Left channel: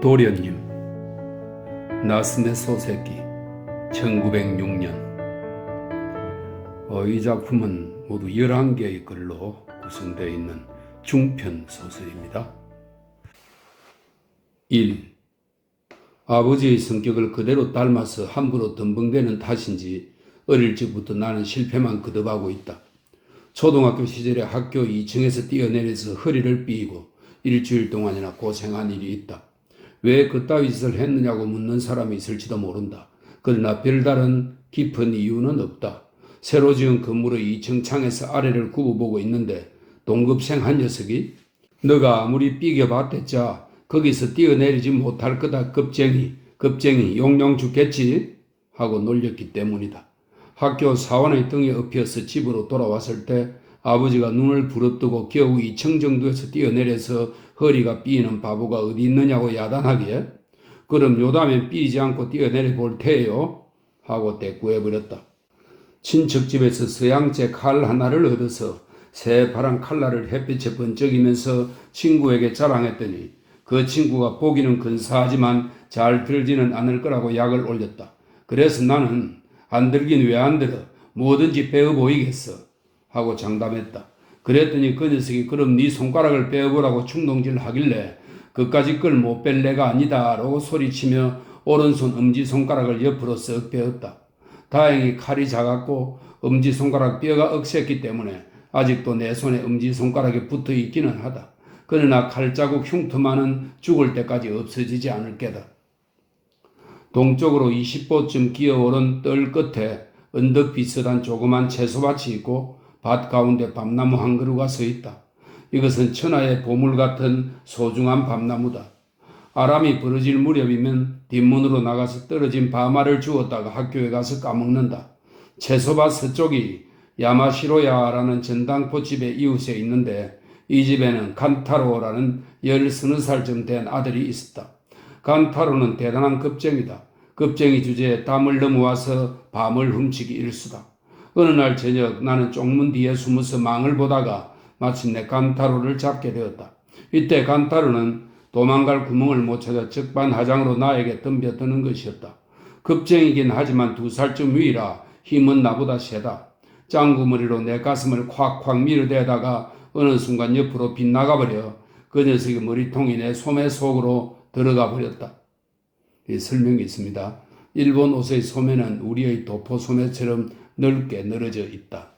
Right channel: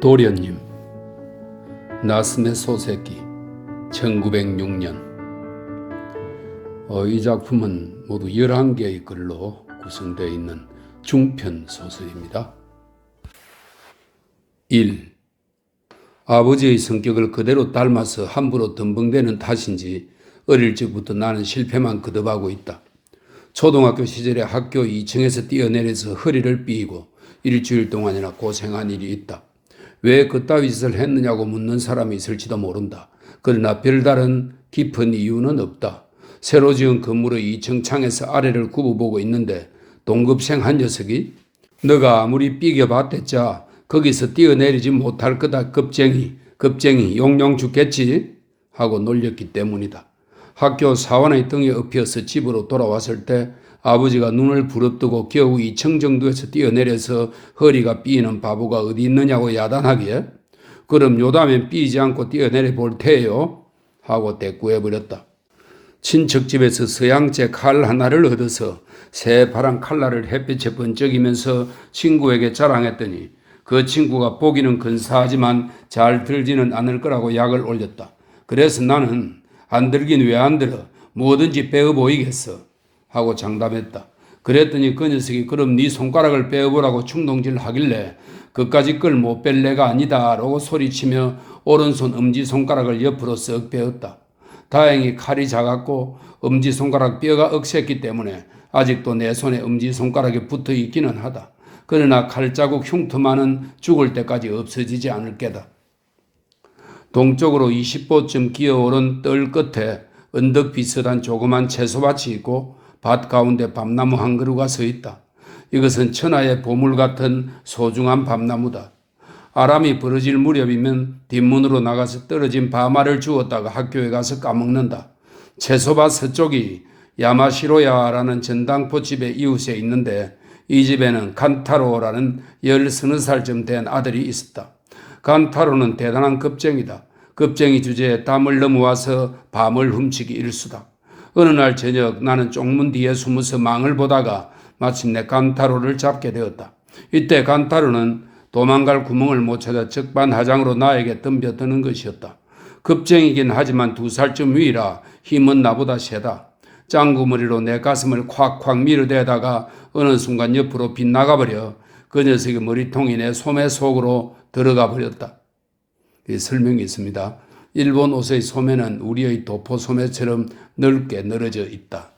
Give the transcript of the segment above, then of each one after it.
도련님, 나스네 소새끼, 1906년. 이 작품은 모두 11개의 글로 구성되어 있는 중편 소설입니다. 1. 아버지의 성격을 그대로 닮아서 함부로 덤벙대는 탓인지 어릴 적부터 나는 실패만 거듭하고 있다. 초등학교 시절에 학교 2층에서 뛰어내려서 허리를 삐고 일주일 동안이나 고생한 일이 있다. 왜 그따위 짓을 했느냐고 묻는 사람이 있을지도 모른다. 그러나 별다른 깊은 이유는 없다. 새로 지은 건물의 2층 창에서 아래를 굽어보고 있는데 동급생 한 녀석이 너가 아무리 삐겨봤댔자 거기서 뛰어내리지 못할 거다 겁쟁이 용용 죽겠지 하고 놀렸기 때문이다. 학교 사원의 등에 업혀서 집으로 돌아왔을 때 아버지가 눈을 부릅뜨고 겨우 2층 정도에서 뛰어내려서 허리가 삐는 바보가 어디 있느냐고 야단하기에 그럼 요담엔 삐지 않고 뛰어내려 볼 테요 하고 대꾸해버렸다. 친척 집에서 서양제 칼 하나를 얻어서 새파란 칼날을 햇빛에 번쩍이면서 친구에게 자랑했더니 그 친구가 보기는 근사하지만 잘 들지는 않을 거라고 약을 올렸다. 그래서 나는 안 들긴 왜 안 들어? 뭐든지 빼어 보이겠어 하고 장담했다. 그랬더니 그 녀석이 그럼 네 손가락을 빼어보라고 충동질 하길래 그까짓 걸 못 뺄 내가 아니다 라고 소리치며 오른손 엄지손가락을 옆으로 쓱 빼었다. 다행히 칼이 작았고 엄지손가락 뼈가 억셌기 때문에 아직도 내 손에 엄지손가락에 붙어 있기는 하다. 그러나 칼자국 흉터만은 죽을 때까지 없어지지 않을 게다. 동쪽으로 20보쯤 기어오른 뜰 끝에 언덕 비슷한 조그만 채소밭이 있고 밭 가운데 밤나무 한 그루가 서 있다. 이것은 천하의 보물 같은 소중한 밤나무다. 아람이 벌어질 무렵이면 뒷문으로 나가서 떨어진 밤알을 주웠다가 학교에 가서 까먹는다. 채소밭 서쪽이 야마시로야라는 전당포집의 이웃에 있는데 이 집에는 칸타로라는 13살쯤 된 아들이 있었다. 칸타로는 대단한 겁쟁이다. 겁쟁이 주제에 담을 넘어와서 밤을 훔치기 일수다. 어느 날 저녁 나는 쪽문 뒤에 숨어서 망을 보다가 마침내 칸타로를 잡게 되었다. 이때 칸타로는 도망갈 구멍을 못 찾아 적반하장으로 나에게 덤벼드는 것이었다. 겁쟁이긴 하지만 2살쯤 위라 힘은 나보다 세다. 짱구머리로 내 가슴을 콱콱 밀어대다가 어느 순간 옆으로 빗나가버려 그 녀석의 머리통이 내 소매 속으로 들어가 버렸다. 설명이 있습니다. 일본 옷의 소매는 우리의 도포 소매처럼 넓게 늘어져 있다.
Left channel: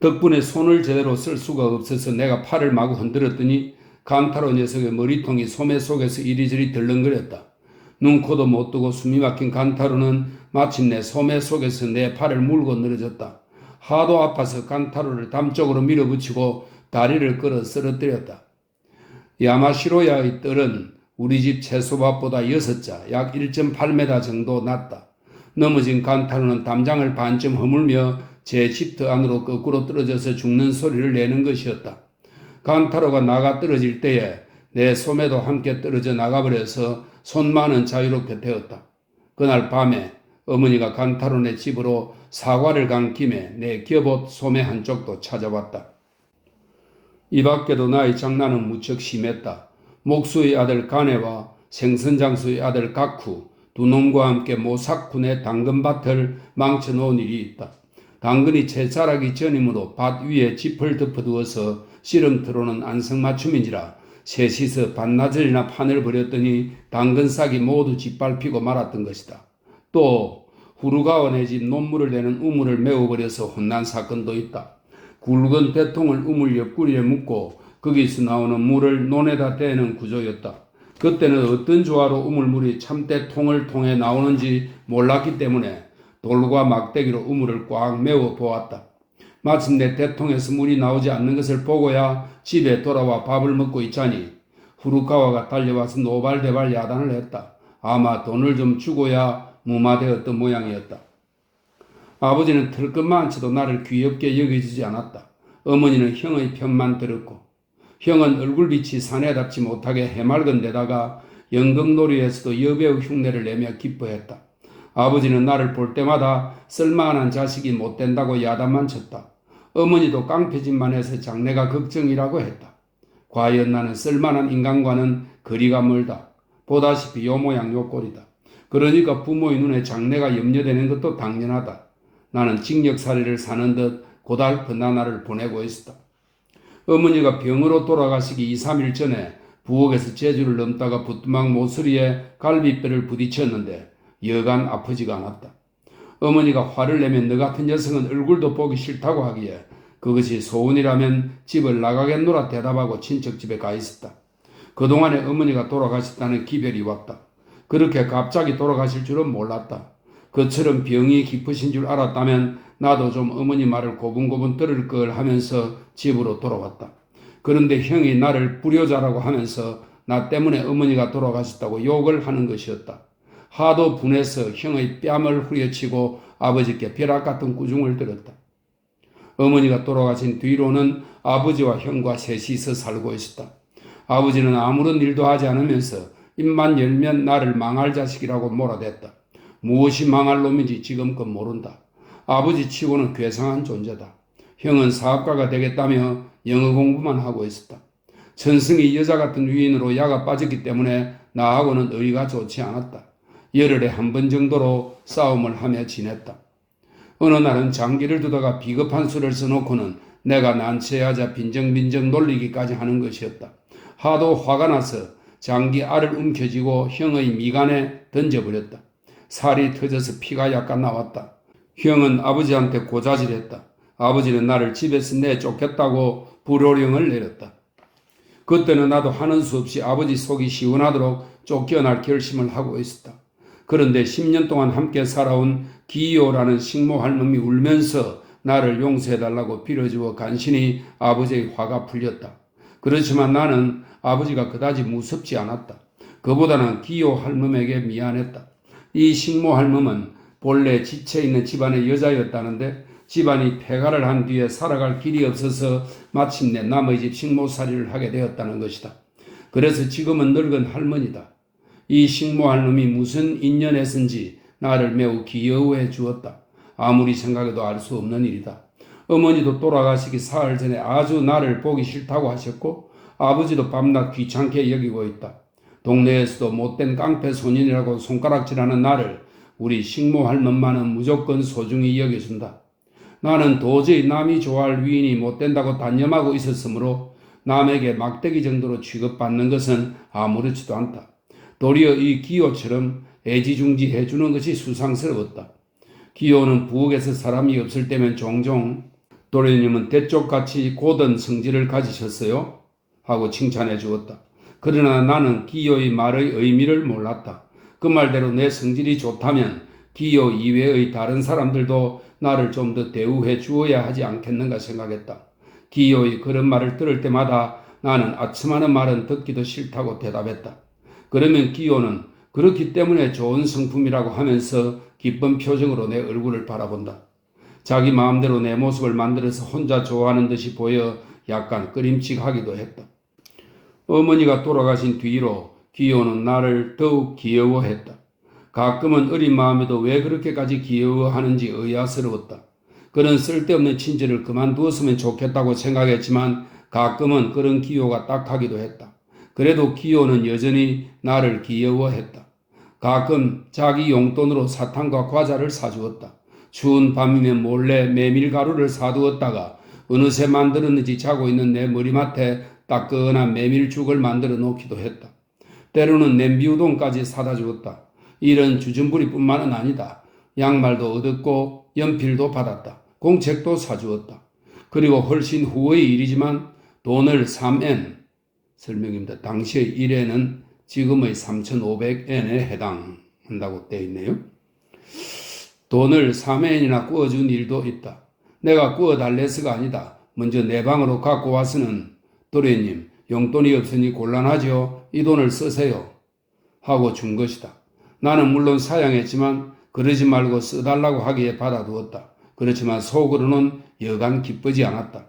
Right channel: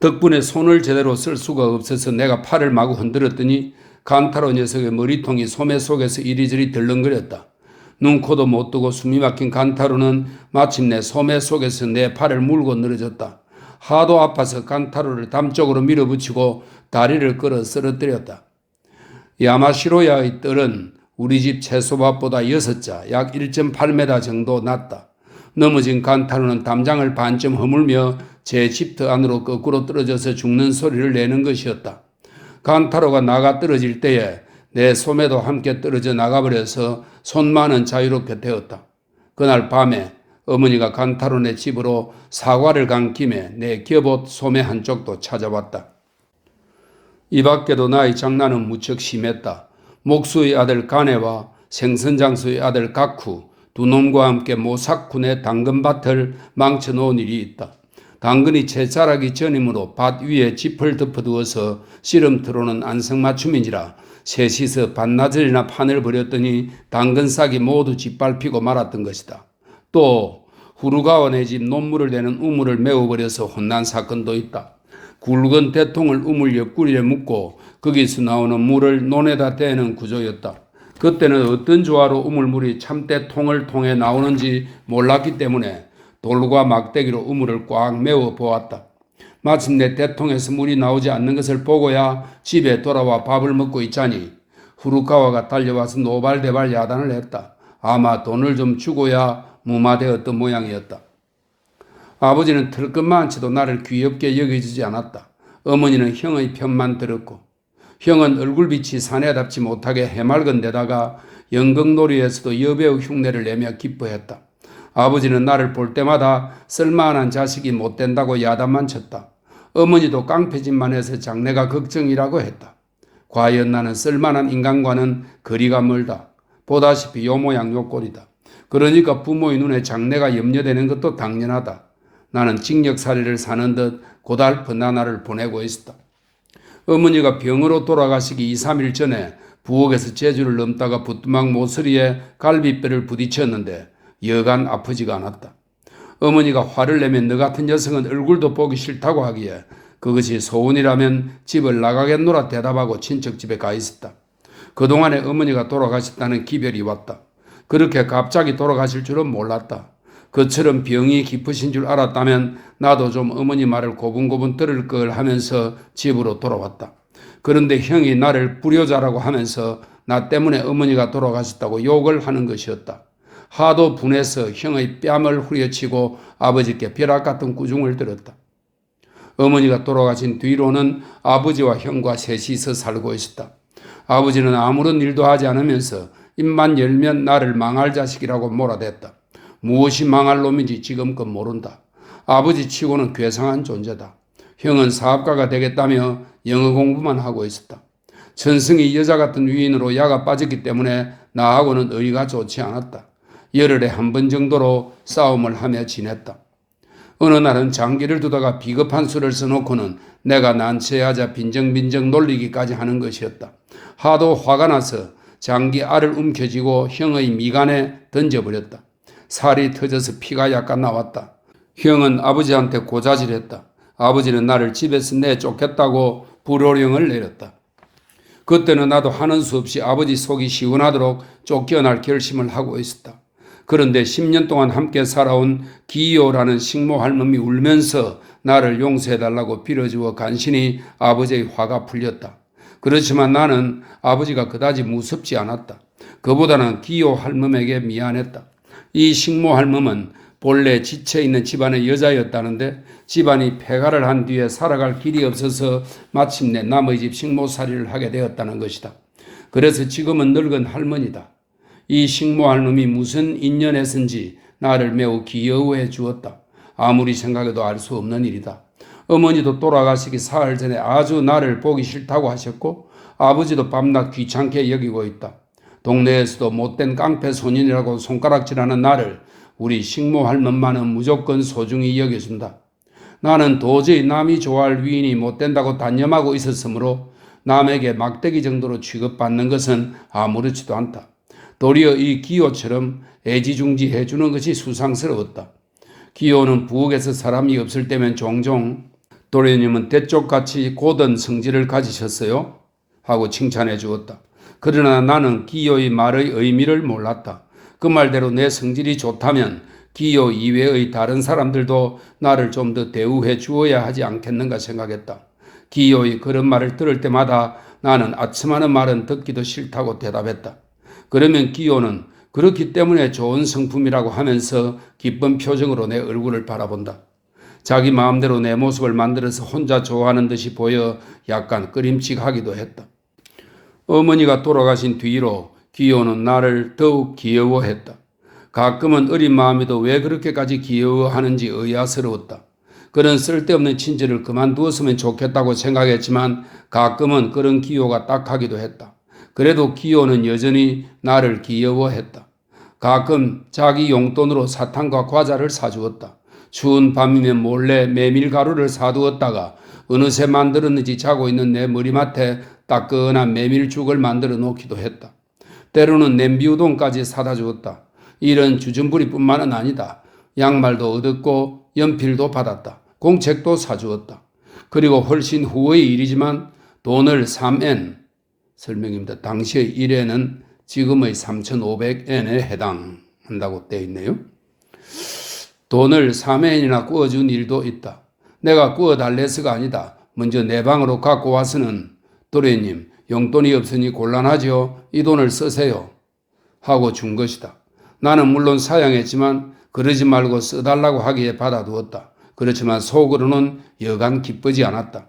덕분에 손을 제대로 쓸 수가 없어서 내가 팔을 마구 흔들었더니 칸타로 녀석의 머리통이 소매 속에서 이리저리 덜렁거렸다. 눈, 코도 못 뜨고 숨이 막힌 칸타로는 마침내 소매 속에서 내 팔을 물고 늘어졌다. 하도 아파서 칸타로를 담 쪽으로 밀어붙이고 다리를 끌어 쓰러뜨렸다. 야마시로야의 뜰은 우리 집 채소밭보다 6자, 약 1.8m 정도 낮다. 넘어진 칸타로는 담장을 반쯤 허물며 제 집터 안으로 거꾸로 떨어져서 죽는 소리를 내는 것이었다. 칸타로가 나가 떨어질 때에 내 소매도 함께 떨어져 나가버려서 손만은 자유롭게 되었다. 그날 밤에 어머니가 칸타로네 집으로 사과를 간 김에 내 겹옷 소매 한쪽도 찾아왔다. 이 밖에도 나의 장난은 무척 심했다. 목수의 아들 가네와 생선장수의 아들 가쿠 두 놈과 함께 모사쿤의 당근밭을 망쳐놓은 일이 있다. 당근이 채 자라기 전이므로 밭 위에 짚을 덮어두어서 씨름터로는 안성맞춤인지라 셋이서 반나절이나 판을 벌였더니 당근 싹이 모두 짓밟히고 말았던 것이다. 또 후루가와네 집 논물을 내는 우물을 메워버려서 혼난 사건도 있다. 굵은 대통을 우물 옆구리에 묶고 거기서 나오는 물을 논에다 대는 구조였다. 그때는 어떤 조화로 우물물이 참대통을 통해 나오는지 몰랐기 때문에 돌과 막대기로 우물을 꽉 메워 보았다. 마침내 대통에서 물이 나오지 않는 것을 보고야 집에 돌아와 밥을 먹고 있자니 후루카와가 달려와서 노발대발 야단을 했다. 아마 돈을 좀 주고야 무마되었던 모양이었다. 아버지는 털끝만치도 나를 귀엽게 여겨주지 않았다. 어머니는 형의 편만 들었고 형은 얼굴빛이 사내답지 못하게 해맑은 데다가 연극놀이에서도 여배우 흉내를 내며 기뻐했다. 아버지는 나를 볼 때마다 쓸만한 자식이 못된다고 야단만 쳤다. 어머니도 깡패짓만 해서 장래가 걱정이라고 했다. 과연 나는 쓸만한 인간과는 거리가 멀다. 보다시피 요 모양 요 꼴이다. 그러니까 부모의 눈에 장래가 염려되는 것도 당연하다. 나는 징역살이를 사는 듯 고달픈 나날을 보내고 있었다. 어머니가 병으로 돌아가시기 2, 3일 전에 부엌에서 제주를 넘다가 부뚜막 모서리에 갈비뼈를 부딪혔는데 여간 아프지가 않았다. 어머니가 화를 내면 너 같은 녀석은 얼굴도 보기 싫다고 하기에 그것이 소원이라면 집을 나가겠노라 대답하고 친척 집에 가 있었다. 그동안에 어머니가 돌아가셨다는 기별이 왔다. 그렇게 갑자기 돌아가실 줄은 몰랐다. 그처럼 병이 깊으신 줄 알았다면 나도 좀 어머니 말을 고분고분 들을 걸 하면서 집으로 돌아왔다. 그런데 형이 나를 불효자라고 하면서 나 때문에 어머니가 돌아가셨다고 욕을 하는 것이었다. 하도 분해서 형의 뺨을 후려치고 아버지께 벼락 같은 꾸중을 들었다. 어머니가 돌아가신 뒤로는 아버지와 형과 셋이서 살고 있었다. 아버지는 아무런 일도 하지 않으면서 입만 열면 나를 망할 자식이라고 몰아댔다. 무엇이 망할 놈인지 지금껏 모른다. 아버지 치고는 괴상한 존재다. 형은 사업가가 되겠다며 영어 공부만 하고 있었다. 천승이 여자 같은 위인으로 야가 빠졌기 때문에 나하고는 의리가 좋지 않았다. 열흘에 한 번 정도로 싸움을 하며 지냈다. 어느 날은 장기를 두다가 비겁한 수를 써놓고는 내가 난처하자 빈정빈정 놀리기까지 하는 것이었다. 하도 화가 나서 장기 알을 움켜쥐고 형의 미간에 던져버렸다. 살이 터져서 피가 약간 나왔다. 형은 아버지한테 고자질했다. 아버지는 나를 집에서 내쫓겠다고 불호령을 내렸다. 그때는 나도 하는 수 없이 아버지 속이 시원하도록 쫓겨날 결심을 하고 있었다. 그런데 10년 동안 함께 살아온 기요라는 식모 할멈이 울면서 나를 용서해달라고 빌어주어 간신히 아버지의 화가 풀렸다. 그렇지만 나는 아버지가 그다지 무섭지 않았다. 그보다는 기요 할멈에게 미안했다. 이 식모 할멈은 본래 지쳐있는 집안의 여자였다는데 집안이 폐가를 한 뒤에 살아갈 길이 없어서 마침내 남의 집 식모살이를 하게 되었다는 것이다. 그래서 지금은 늙은 할머니다. 이 식모 할멈이 무슨 인연에선지 나를 매우 귀여워해 주었다. 아무리 생각해도 알 수 없는 일이다. 어머니도 돌아가시기 사흘 전에 아주 나를 보기 싫다고 하셨고 아버지도 밤낮 귀찮게 여기고 있다. 동네에서도 못된 깡패 소년이라고 손가락질하는 나를 우리 식모 할멈만은 무조건 소중히 여겨준다. 나는 도저히 남이 좋아할 위인이 못된다고 단념하고 있었으므로 남에게 막대기 정도로 취급받는 것은 아무렇지도 않다. 도리어 이 기요처럼 애지중지해 주는 것이 수상스러웠다. 기요는 부엌에서 사람이 없을 때면 종종 도련님은 대쪽같이 고든 성질을 가지셨어요? 하고 칭찬해 주었다. 그러나 나는 기요의 말의 의미를 몰랐다. 그 말대로 내 성질이 좋다면 기요 이외의 다른 사람들도 나를 좀 더 대우해 주어야 하지 않겠는가 생각했다. 기요의 그런 말을 들을 때마다 나는 아첨하는 말은 듣기도 싫다고 대답했다. 그러면 기요는 그렇기 때문에 좋은 성품이라고 하면서 기쁜 표정으로 내 얼굴을 바라본다. 자기 마음대로 내 모습을 만들어서 혼자 좋아하는 듯이 보여 약간 꺼림칙하기도 했다. 어머니가 돌아가신 뒤로 기요는 나를 더욱 귀여워했다. 가끔은 어린 마음에도 왜 그렇게까지 귀여워하는지 의아스러웠다. 그런 쓸데없는 친절을 그만두었으면 좋겠다고 생각했지만 가끔은 그런 기요가 딱하기도 했다. 그래도 기요는 여전히 나를 귀여워했다. 가끔 자기 용돈으로 사탕과 과자를 사주었다. 추운 밤이면 몰래 메밀가루를 사두었다가 어느새 만들었는지 자고 있는 내 머리맡에 따끈한 메밀죽을 만들어 놓기도 했다. 때로는 냄비우동까지 사다 주었다. 이런 주전부리뿐만은 아니다. 양말도 얻었고 연필도 받았다. 공책도 사주었다. 그리고 훨씬 후의 일이지만 돈을 3엔, 설명입니다. 당시의 1엔은 지금의 3,500엔에 해당한다고 되어 있네요. 돈을 3엔이나 구워준 일도 있다. 내가 구워달래서가 아니다. 먼저 내 방으로 갖고 와서는 도련님, 용돈이 없으니 곤란하죠. 이 돈을 쓰세요. 하고 준 것이다. 나는 물론 사양했지만 그러지 말고 써달라고 하기에 받아두었다. 그렇지만 속으로는 여간 기쁘지 않았다.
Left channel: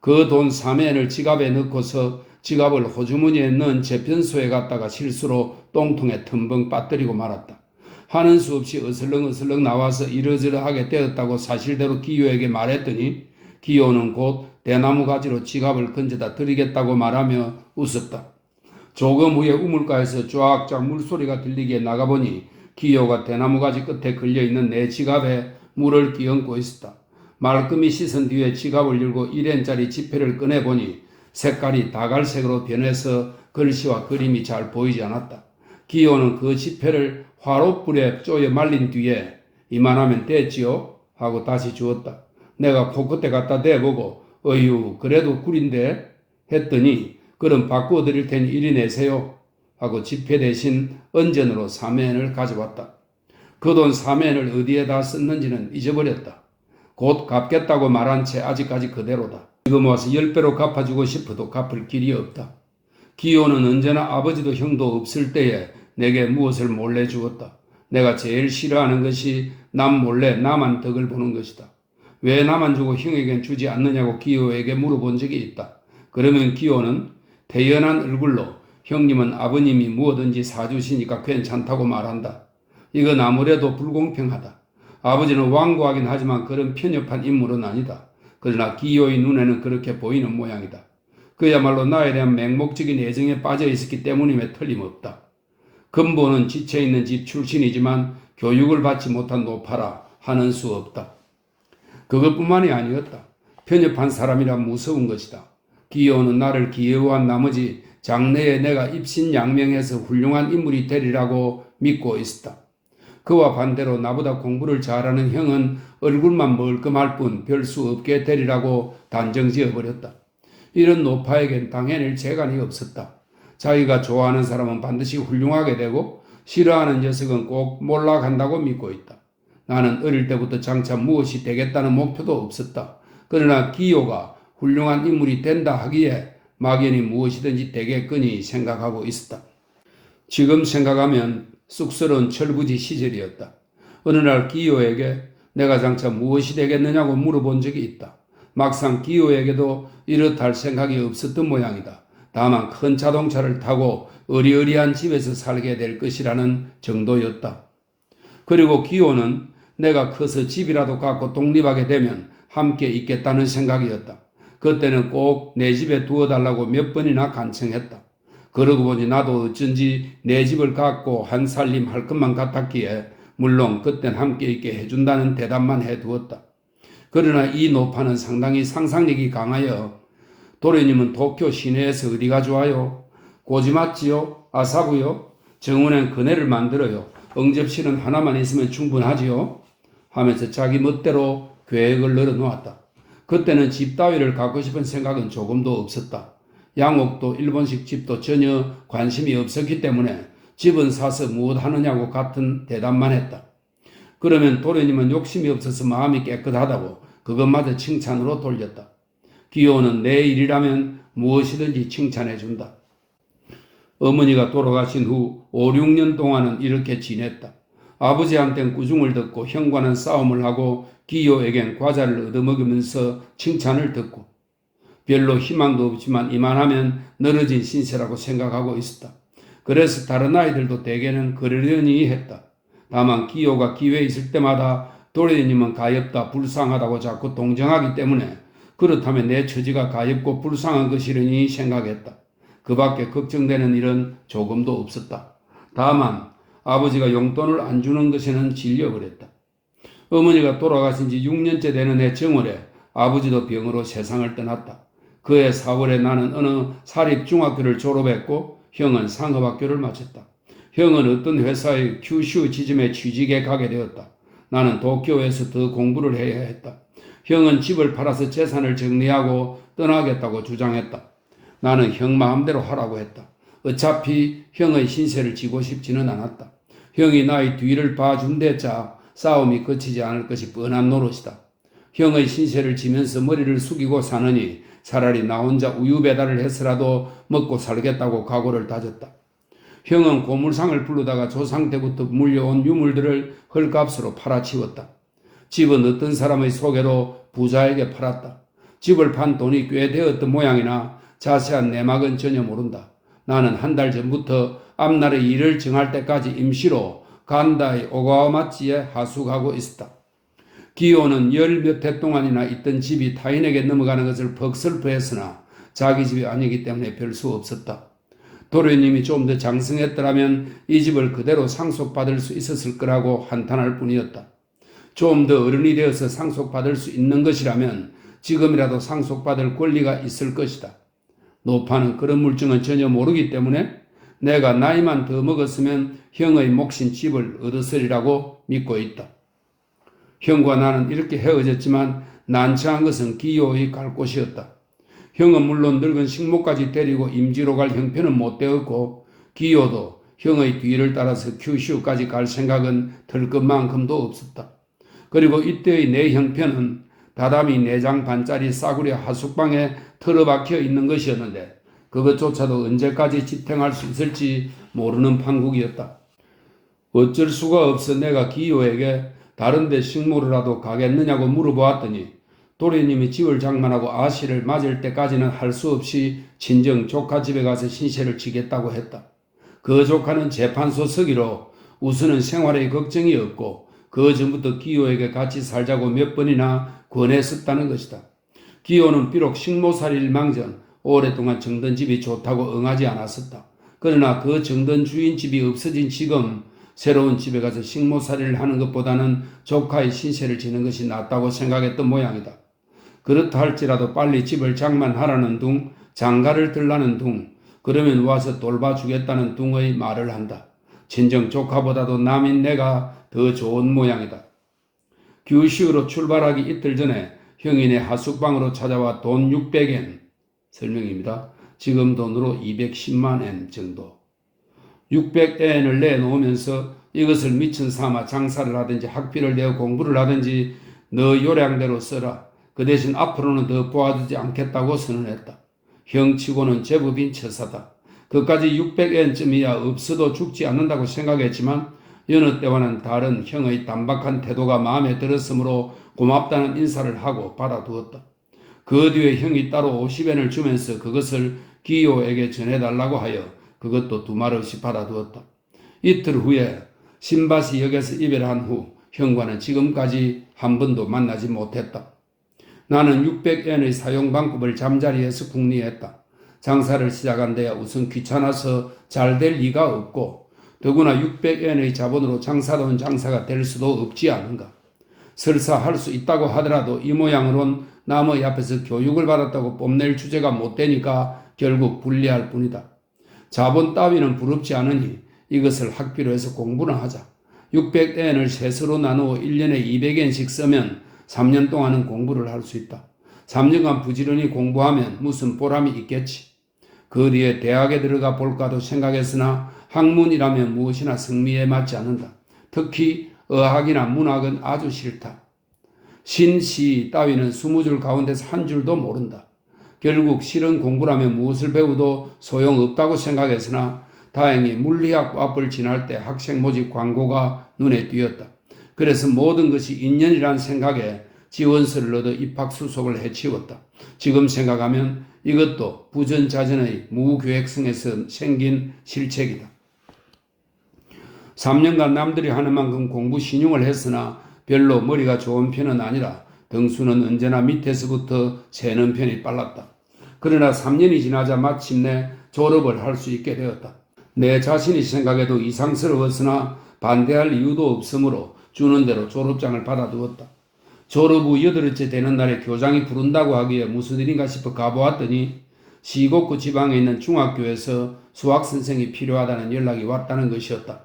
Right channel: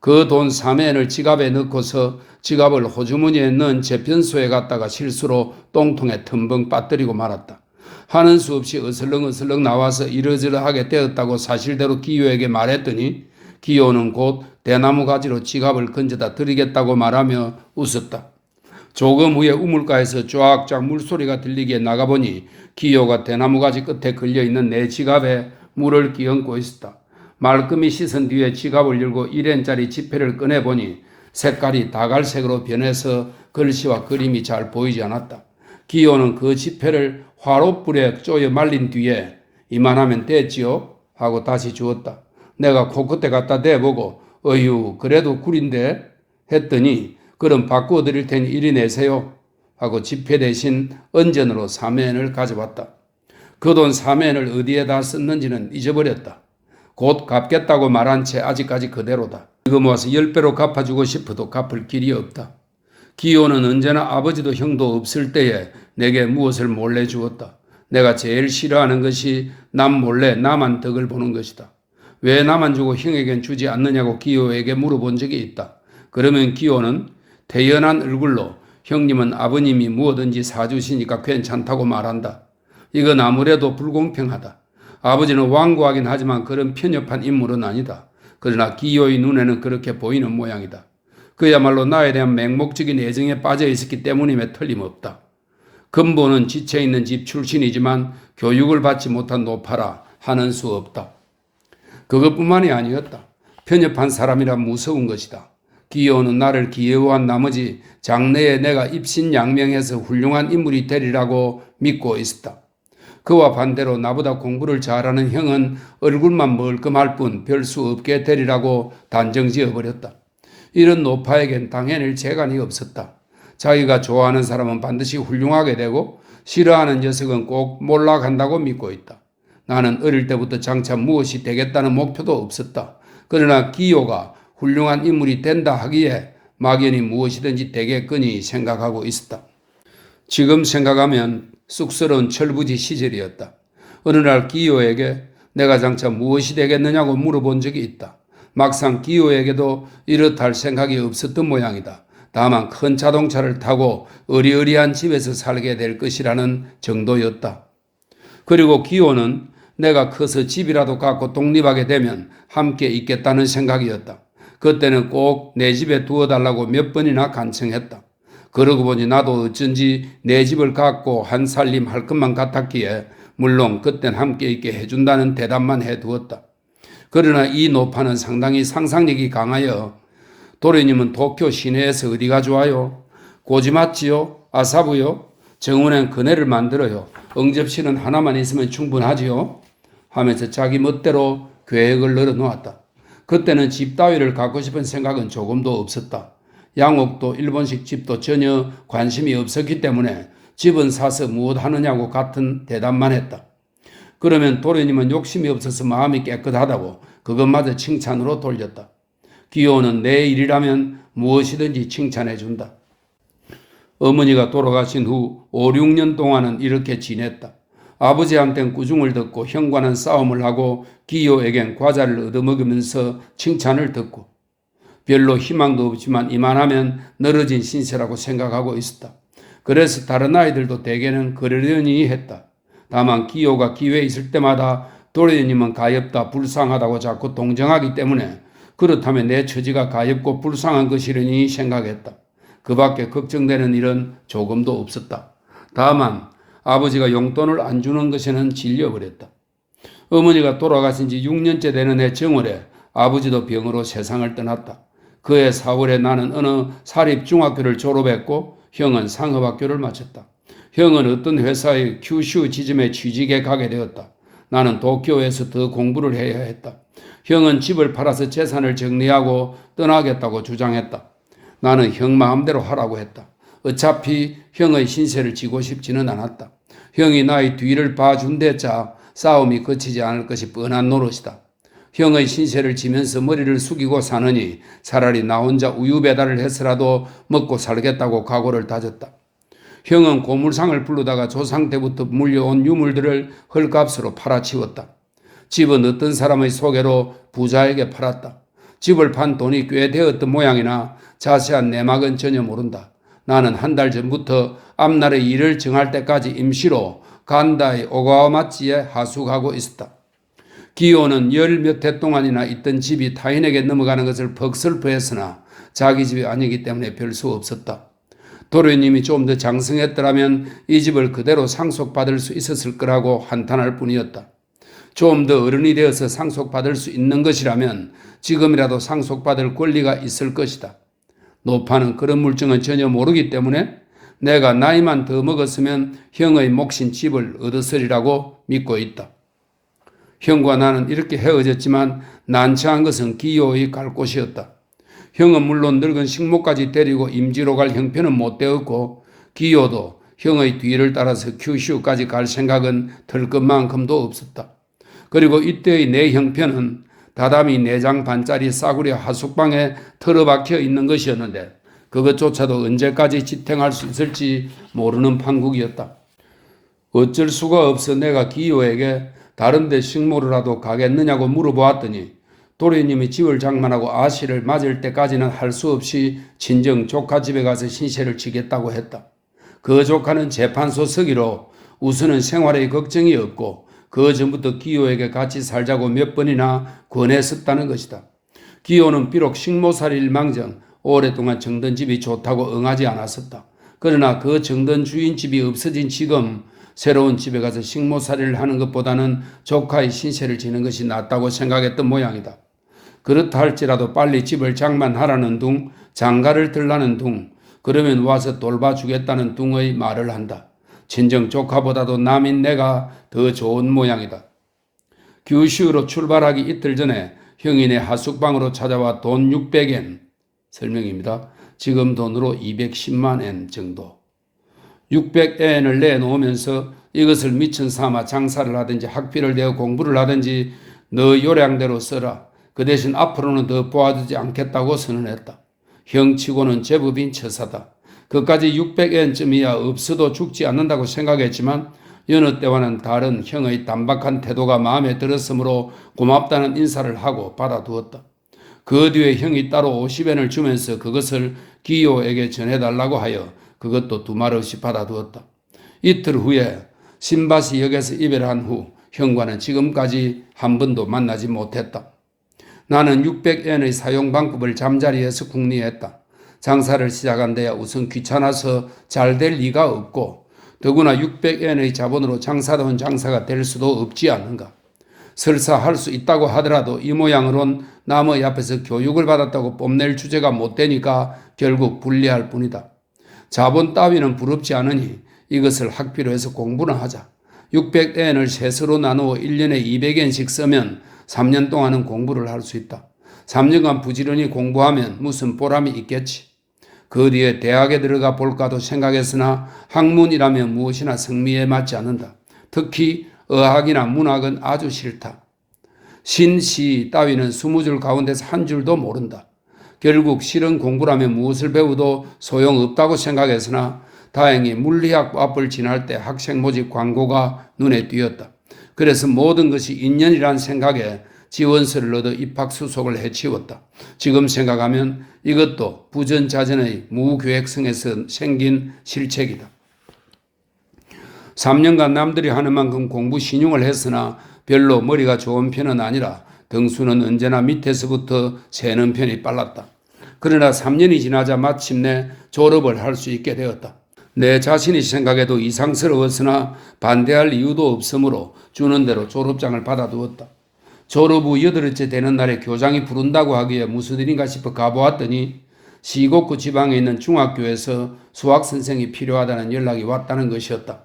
그 돈 3엔을 지갑에 넣고서 지갑을 호주머니에 넣은 재편소에 갔다가 실수로 똥통에 텀벙 빠뜨리고 말았다. 하는 수 없이 어슬렁어슬렁 나와서 이러저러하게 되었다고 사실대로 기요에게 말했더니 기요는 곧 대나무 가지로 지갑을 건져다 드리겠다고 말하며 웃었다. 조금 후에 우물가에서 쫙쫙 물소리가 들리기에 나가보니 기호가 대나무 가지 끝에 걸려있는 내 지갑에 물을 끼얹고 있었다. 말끔히 씻은 뒤에 지갑을 열고 1엔짜리 지폐를 꺼내보니 색깔이 다갈색으로 변해서 글씨와 그림이 잘 보이지 않았다. 기호는 그 지폐를 화롯불에 쪼여 말린 뒤에 이만하면 됐지요? 하고 다시 주었다. 내가 코끝에 갖다 대보고 어휴 그래도 꿀인데 했더니 그럼 바꾸어 드릴 테니 이리 내세요 하고 지폐 대신 은전으로 3엔을 가져왔다. 그 돈 3엔을 어디에다 썼는지는 잊어버렸다. 곧 갚겠다고 말한 채 아직까지 그대로다. 지금 와서 10배로 갚아주고 싶어도 갚을 길이 없다. 기호는 언제나 아버지도 형도 없을 때에 내게 무엇을 몰래 주었다. 내가 제일 싫어하는 것이 남 몰래 남한 덕을 보는 것이다. 왜 나만 주고 형에겐 주지 않느냐고 기호에게 물어본 적이 있다. 그러면 기호는 태연한 얼굴로 형님은 아버님이 무엇든지 사주시니까 괜찮다고 말한다. 이건 아무래도 불공평하다. 아버지는 완고하긴 하지만 그런 편협한 인물은 아니다. 그러나 기호의 눈에는 그렇게 보이는 모양이다. 그야말로 나에 대한 맹목적인 애정에 빠져 있었기 때문임에 틀림없다. 근본은 지쳐있는 집 출신이지만 교육을 받지 못한 노파라 하는 수 없다. 그것뿐만이 아니었다. 편협한 사람이라 무서운 것이다. 기호는 나를 기여한 나머지 장래에 내가 입신양명해서 훌륭한 인물이 되리라고 믿고 있었다. 그와 반대로 나보다 공부를 잘하는 형은 얼굴만 멀끔할 뿐 별 수 없게 되리라고 단정지어버렸다. 이런 노파에겐 당해낼 재간이 없었다. 자기가 좋아하는 사람은 반드시 훌륭하게 되고 싫어하는 녀석은 꼭 몰락한다고 믿고 있다. 나는 어릴 때부터 장차 무엇이 되겠다는 목표도 없었다. 그러나 기호가 훌륭한 인물이 된다 하기에 막연히 무엇이든지 되겠거니 생각하고 있었다. 지금 생각하면 쑥스러운 철부지 시절이었다. 어느 날 기호에게 내가 장차 무엇이 되겠느냐고 물어본 적이 있다. 막상 기호에게도 이렇다 할 생각이 없었던 모양이다. 다만 큰 자동차를 타고 어리어리한 집에서 살게 될 것이라는 정도였다. 그리고 기호는 내가 커서 집이라도 갖고 독립하게 되면 함께 있겠다는 생각이었다. 그때는 꼭 내 집에 두어달라고 몇 번이나 간청했다. 그러고 보니 나도 어쩐지 내 집을 갖고 한 살림 할 것만 같았기에 물론 그땐 함께 있게 해준다는 대답만 해두었다. 그러나 이 노파는 상당히 상상력이 강하여 도련님은 도쿄 시내에서 어디가 좋아요? 고지맞지요? 아사부요? 정원엔 그네를 만들어요. 응접실은 하나만 있으면 충분하지요? 하면서 자기 멋대로 계획을 늘어놓았다. 그때는 집 따위를 갖고 싶은 생각은 조금도 없었다. 양옥도 일본식 집도 전혀 관심이 없었기 때문에 집은 사서 무엇 하느냐고 같은 대답만 했다. 그러면 도련님은 욕심이 없어서 마음이 깨끗하다고 그것마저 칭찬으로 돌렸다. 기호는 내 일이라면 무엇이든지 칭찬해준다. 어머니가 돌아가신 후 5, 6년 동안은 이렇게 지냈다. 아버지한텐 꾸중을 듣고 형과는 싸움을 하고 기호에겐 과자를 얻어먹으면서 칭찬을 듣고 별로 희망도 없지만 이만하면 늘어진 신세라고 생각하고 있었다. 그래서 다른 아이들도 대개는 그러려니 했다. 다만 기호가 기회에 있을 때마다 도련님은 가엾다 불쌍하다고 자꾸 동정하기 때문에 그렇다면 내 처지가 가엾고 불쌍한 것이려니 생각했다. 그 밖에 걱정되는 일은 조금도 없었다. 다만 아버지가 용돈을 안 주는 것에는 질려버렸다. 어머니가 돌아가신 지 6년째 되는 해 정월에 아버지도 병으로 세상을 떠났다. 그해 4월에 나는 어느 사립중학교를 졸업했고 형은 상업학교를 마쳤다. 형은 어떤 회사의 규슈 지점에 취직해 가게 되었다. 나는 도쿄에서 더 공부를 해야 했다. 형은 집을 팔아서 재산을 정리하고 떠나겠다고 주장했다. 나는 형 마음대로 하라고 했다. 어차피 형의 신세를 지고 싶지는 않았다. 형이 나의 뒤를 봐준대자 싸움이 그치지 않을 것이 뻔한 노릇이다. 형의 신세를 지면서 머리를 숙이고 사느니 차라리 나 혼자 우유 배달을 해서라도 먹고 살겠다고 각오를 다졌다. 형은 고물상을 부르다가 조상 때부터 물려온 유물들을 헐값으로 팔아치웠다. 집은 어떤 사람의 소개로 부자에게 팔았다. 집을 판 돈이 꽤 되었던 모양이나 자세한 내막은 전혀 모른다. 나는 한 달 전부터 앞날의 일을 정할 때까지 임시로 간다의 오가와마치에 하숙하고 있었다. 기호는 열 몇 해 동안이나 있던 집이 타인에게 넘어가는 것을 퍽 슬퍼했으나 자기 집이 아니기 때문에 별 수 없었다. 도련님이 좀 더 장성했더라면 이 집을 그대로 상속받을 수 있었을 거라고 한탄할 뿐이었다. 좀 더 어른이 되어서 상속받을 수 있는 것이라면 지금이라도 상속받을 권리가 있을 것이다. 노파는 그런 물증은 전혀 모르기 때문에 내가 나이만 더 먹었으면 형의 몫인 집을 얻었으리라고 믿고 있다. 형과 나는 이렇게 헤어졌지만 난처한 것은 기호의 갈 곳이었다. 형은 물론 늙은 식모까지 데리고 임지로 갈 형편은 못 되었고 기호도 형의 뒤를 따라서 규슈까지 갈 생각은 들 것만큼도 없었다. 그리고 이때의 내 형편은 다다미 4장 반짜리 싸구려 하숙방에 틀어박혀 있는 것이었는데 그것조차도 언제까지 지탱할 수 있을지 모르는 판국이었다. 어쩔 수가 없어 내가 기호에게 다른 데 식모로라도 가겠느냐고 물어보았더니 도련님이 집을 장만하고 아씨를 맞을 때까지는 할 수 없이 친정 조카 집에 가서 신세를 지겠다고 했다. 그 조카는 재판소 서기로 우선은 생활에 걱정이 없고 그 전부터 기호에게 같이 살자고 몇 번이나 권했었다는 것이다. 기호는 비록 식모살이 일망정 오랫동안 정든 집이 좋다고 응하지 않았었다. 그러나 그 정든 주인 집이 없어진 지금 새로운 집에 가서 식모살이를 하는 것보다는 조카의 신세를 지는 것이 낫다고 생각했던 모양이다. 그렇다 할지라도 빨리 집을 장만하라는 둥, 장가를 들라는 둥, 그러면 와서 돌봐주겠다는 둥의 말을 한다. 친정 조카보다도 남인 내가 더 좋은 모양이다. 규슈로 출발하기 이틀 전에 형이 내 하숙방으로 찾아와 돈 600엔, 설명입니다. 지금 돈으로 210만 엔 정도. 600엔을 내놓으면서 이것을 미천 삼아 장사를 하든지 학비를 내어 공부를 하든지 너 요량대로 써라. 그 대신 앞으로는 더 도와주지 않겠다고 선언했다. 형치고는 제법인 처사다. 그까지 600엔쯤이야 없어도 죽지 않는다고 생각했지만 여느 때와는 다른 형의 단박한 태도가 마음에 들었으므로 고맙다는 인사를 하고 받아두었다. 그 뒤에 형이 따로 50엔을 주면서 그것을 기호에게 전해달라고 하여 그것도 두말 없이 받아두었다. 이틀 후에 신바시 역에서 이별한 후 형과는 지금까지 한 번도 만나지 못했다. 나는 600엔의 사용 방법을 잠자리에서 궁리했다. 장사를 시작한 데야 우선 귀찮아서 잘 될 리가 없고 더구나 600엔의 자본으로 장사다운 장사가 될 수도 없지 않은가. 설사 할 수 있다고 하더라도 이 모양으론 남의 앞에서 교육을 받았다고 뽐낼 주제가 못 되니까 결국 불리할 뿐이다. 자본 따위는 부럽지 않으니 이것을 학비로 해서 공부나 하자. 600엔을 셋으로 나누어 1년에 200엔씩 쓰면 3년 동안은 공부를 할 수 있다. 3년간 부지런히 공부하면 무슨 보람이 있겠지. 그 뒤에 대학에 들어가 볼까도 생각했으나 학문이라면 무엇이나 성미에 맞지 않는다. 특히 의학이나 문학은 아주 싫다. 신시 따위는 20줄 가운데서 한 줄도 모른다. 결국 실은 공부라면 무엇을 배워도 소용없다고 생각했으나 다행히 물리학 앞을 지날 때 학생 모집 광고가 눈에 띄었다. 그래서 모든 것이 인연이란 생각에 지원서를 얻어 입학 수속을 해치웠다. 지금 생각하면 이것도 부전자전의 무계획성에서 생긴 실책이다. 3년간 남들이 하는 만큼 공부 신용을 했으나 별로 머리가 좋은 편은 아니라 등수는 언제나 밑에서부터 새는 편이 빨랐다. 그러나 3년이 지나자 마침내 졸업을 할 수 있게 되었다. 내 자신이 생각해도 이상스러웠으나 반대할 이유도 없으므로 주는 대로 졸업장을 받아두었다. 졸업 후 8일째 되는 날에 교장이 부른다고 하기에 무슨 일인가 싶어 가보았더니 시곡구 지방에 있는 중학교에서 수학선생이 필요하다는 연락이 왔다는 것이었다.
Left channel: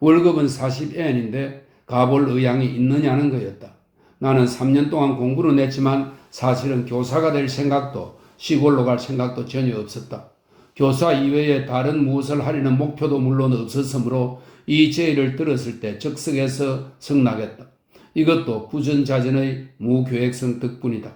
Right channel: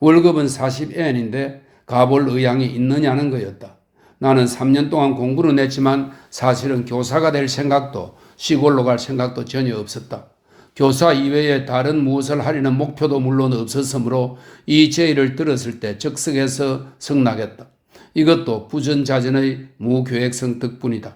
월급은 40엔인데 가볼 의향이 있느냐는 거였다. 나는 3년 동안 공부는 했지만 사실은 교사가 될 생각도 시골로 갈 생각도 전혀 없었다. 교사 이외에 다른 무엇을 하려는 목표도 물론 없었으므로 이 제의를 들었을 때 적석에서 성낙했다. 이것도 부전자전의 무계획성 덕분이다.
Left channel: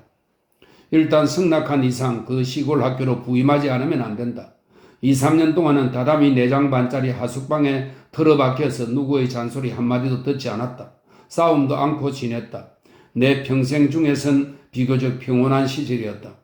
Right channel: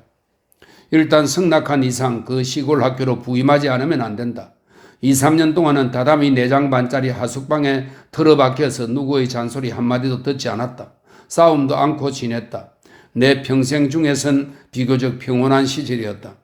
일단 성낙한 이상 그 시골 학교로 부임하지 않으면 안 된다. 2, 3년 동안은 다담이 4장 반짜리 하숙방에 틀어박혀서 누구의 잔소리 한마디도 듣지 않았다. 싸움도 않고 지냈다. 내 평생 중에선 비교적 평온한 시절이었다.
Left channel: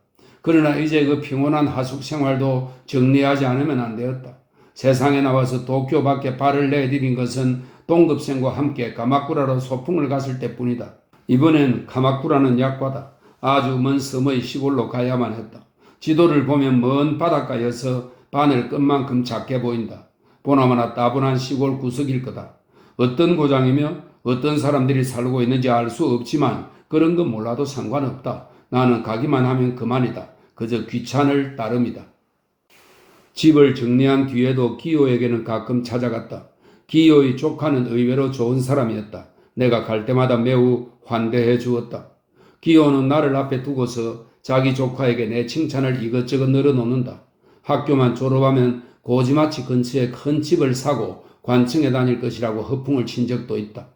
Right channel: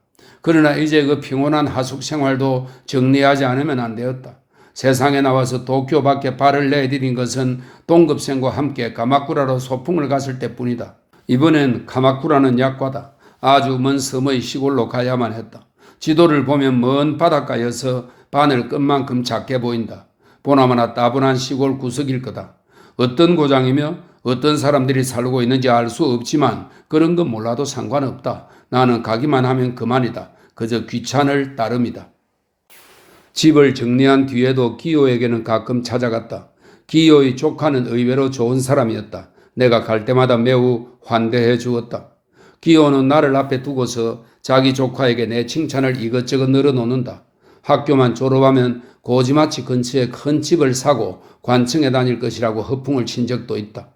그러나 이제 그 평온한 하숙 생활도 정리하지 않으면 안 되었다. 세상에 나와서 도쿄 밖에 발을 내디딘 것은 동급생과 함께 가마쿠라로 소풍을 갔을 때뿐이다. 이번엔 카마쿠라는 약과다. 아주 먼 섬의 시골로 가야만 했다. 지도를 보면 먼 바닷가여서 바늘 끝만큼 작게 보인다. 보나마나 따분한 시골 구석일 거다. 어떤 고장이며 어떤 사람들이 살고 있는지 알 수 없지만 그런 건 몰라도 상관없다. 나는 가기만 하면 그만이다. 그저 귀찮을 따름이다. 집을 정리한 뒤에도 기호에게는 가끔 찾아갔다. 기호의 조카는 의외로 좋은 사람이었다. 내가 갈 때마다 매우 환대해 주었다. 기호는 나를 앞에 두고서 자기 조카에게 내 칭찬을 이것저것 늘어놓는다. 학교만 졸업하면 고지마치 근처에 큰 집을 사고 관청에 다닐 것이라고 허풍을 친 적도 있다.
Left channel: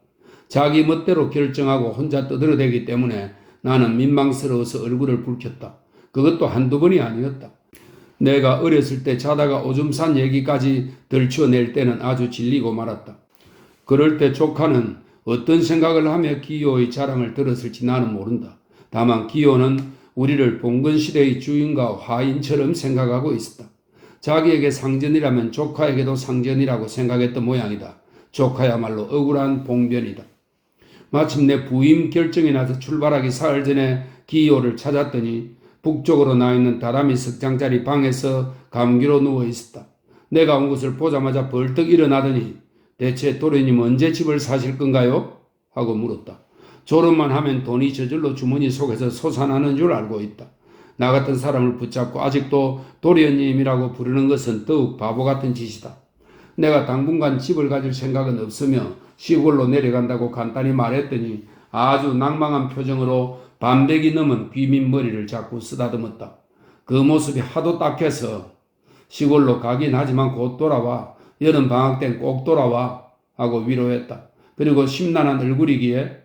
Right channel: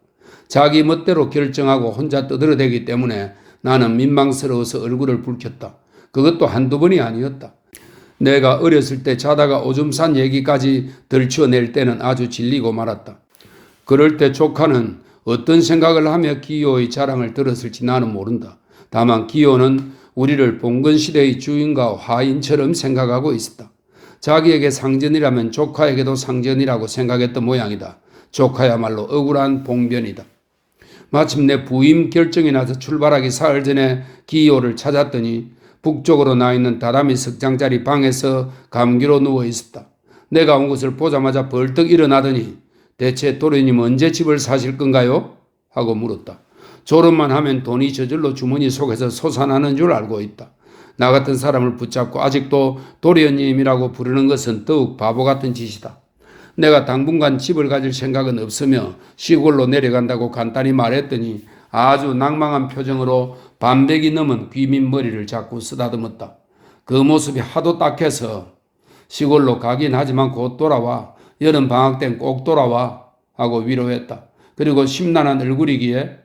자기 멋대로 결정하고 혼자 떠들어대기 때문에 나는 민망스러워서 얼굴을 붉혔다. 그것도 한두 번이 아니었다. 내가 어렸을 때 자다가 오줌 싼 얘기까지 들춰낼 때는 아주 질리고 말았다. 그럴 때 조카는 어떤 생각을 하며 기호의 자랑을 들었을지 나는 모른다. 다만 기호는 우리를 봉건시대의 주인과 화인처럼 생각하고 있었다. 자기에게 상전이라면 조카에게도 상전이라고 생각했던 모양이다. 조카야말로 억울한 봉변이다. 마침내 부임 결정이 나서 출발하기 사흘 전에 기호를 찾았더니 북쪽으로 나 있는 다다미 석장짜리 방에서 감기로 누워 있었다. 내가 온 것을 보자마자 벌떡 일어나더니 대체 도련님 언제 집을 사실 건가요? 하고 물었다. 졸업만 하면 돈이 저절로 주머니 속에서 솟아나는 줄 알고 있다. 나 같은 사람을 붙잡고 아직도 도련님이라고 부르는 것은 더욱 바보 같은 짓이다. 내가 당분간 집을 가질 생각은 없으며 시골로 내려간다고 간단히 말했더니 아주 낭망한 표정으로 반백이 넘은 귀민 머리를 자꾸 쓰다듬었다. 그 모습이 하도 딱해서 시골로 가긴 하지만 곧 돌아와. 여름 방학 땐 꼭 돌아와. 하고 위로했다. 그리고 심란한 얼굴이기에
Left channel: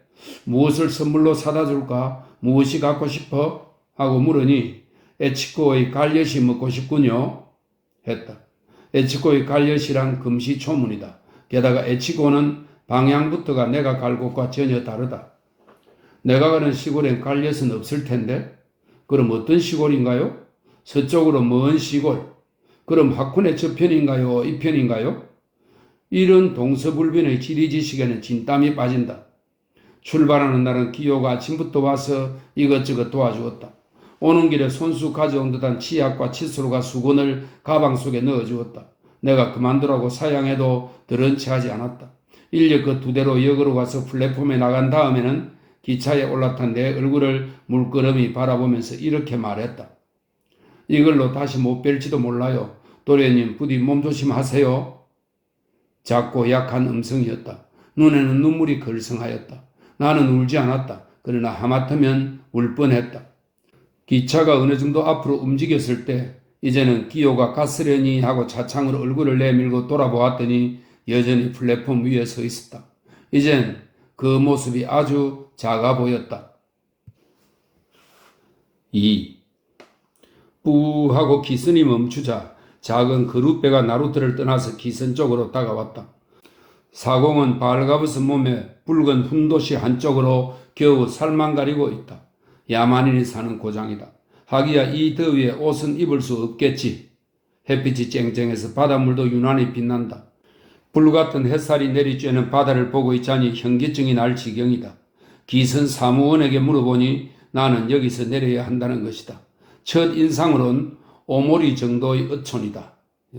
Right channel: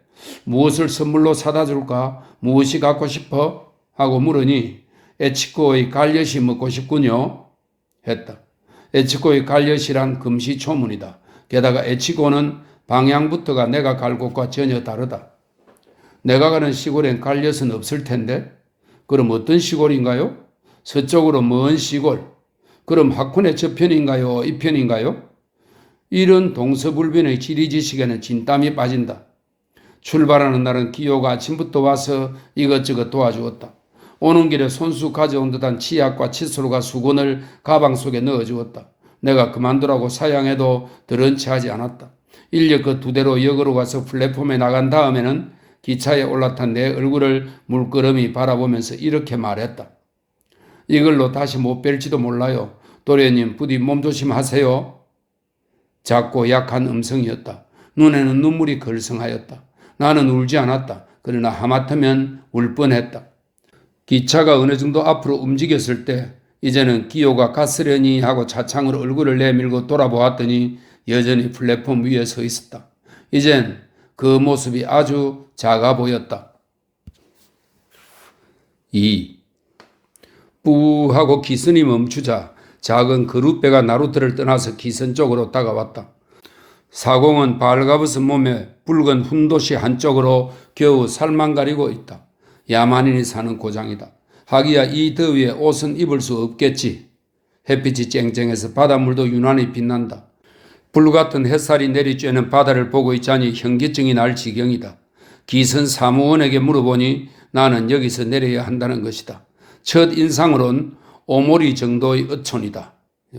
무엇을 선물로 사다 줄까? 무엇이 갖고 싶어? 하고 물으니 에치코의 갈엿이 먹고 싶군요. 했다. 에치코의 갈엿이란 금시초문이다. 게다가 에치코는 방향부터가 내가 갈 곳과 전혀 다르다. 내가 가는 시골엔 갈엿은 없을 텐데 그럼 어떤 시골인가요? 서쪽으로 먼 시골. 그럼 하코네 저편인가요? 이편인가요? 이런 동서불변의 지리지식에는 진땀이 빠진다. 출발하는 날은 기호가 아침부터 와서 이것저것 도와주었다. 오는 길에 손수 가져온 듯한 치약과 칫솔과 수건을 가방 속에 넣어주었다. 내가 그만두라고 사양해도 들은 채 하지 않았다. 인력 그 두 대로 역으로 가서 플랫폼에 나간 다음에는 기차에 올라탄 내 얼굴을 물끄러미 바라보면서 이렇게 말했다. 이걸로 다시 못 뵐지도 몰라요. 도련님 부디 몸조심하세요. 작고 약한 음성이었다. 눈에는 눈물이 걸성하였다. 나는 울지 않았다. 그러나 하마터면 울 뻔했다. 기차가 어느 정도 앞으로 움직였을 때 이제는 기호가 갔으려니 하고 차창으로 얼굴을 내밀고 돌아보았더니 여전히 플랫폼 위에 서 있었다. 이젠 그 모습이 아주 작아 보였다. 2. 뿌하고 기선이 멈추자 작은 그룻배가 나루터를 떠나서 기선 쪽으로 다가왔다. 사공은 발가벗은 몸에 붉은 훈도시 한쪽으로 겨우 살만 가리고 있다. 야만인이 사는 고장이다. 하기야 이 더위에 옷은 입을 수 없겠지. 햇빛이 쨍쨍해서 바닷물도 유난히 빛난다. 불같은 햇살이 내리쬐는 바다를 보고 있자니 현기증이 날 지경이다. 기선 사무원에게 물어보니 나는 여기서 내려야 한다는 것이다. 첫 인상으론 오모리 정도의 어촌이다.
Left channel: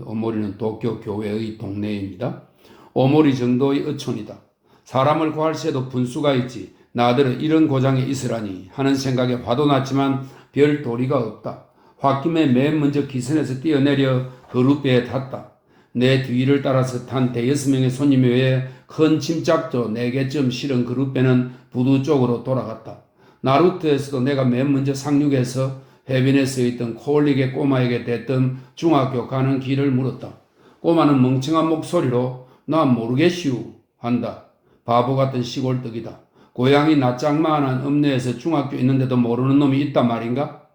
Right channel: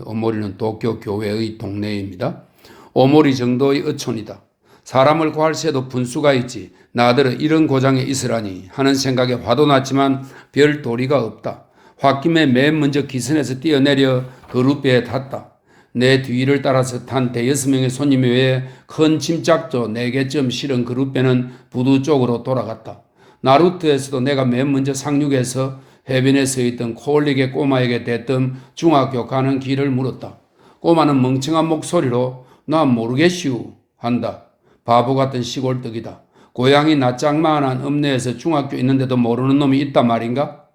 오모리는 도쿄 교회의 동네입니다. 오모리 정도의 어촌이다. 사람을 구할 새도 분수가 있지. 나더러 이런 고장에 있으라니 하는 생각에 화도 났지만 별 도리가 없다. 홧김에 맨 먼저 기선에서 뛰어내려 그룻배에 탔다. 내 뒤를 따라서 탄 대여섯 명의 손님 외에 큰 짐짝도 4개쯤 실은 그룻배는 부두 쪽으로 돌아갔다. 나루트에서도 내가 맨 먼저 상륙해서 해변에 서 있던 코올릭의 꼬마에게 대뜸 중학교 가는 길을 물었다. 꼬마는 멍청한 목소리로 난 모르겠슈 한다. 바보 같은 시골떡이다. 고향이 낯짝만한 읍내에서 중학교 있는데도 모르는 놈이 있단 말인가?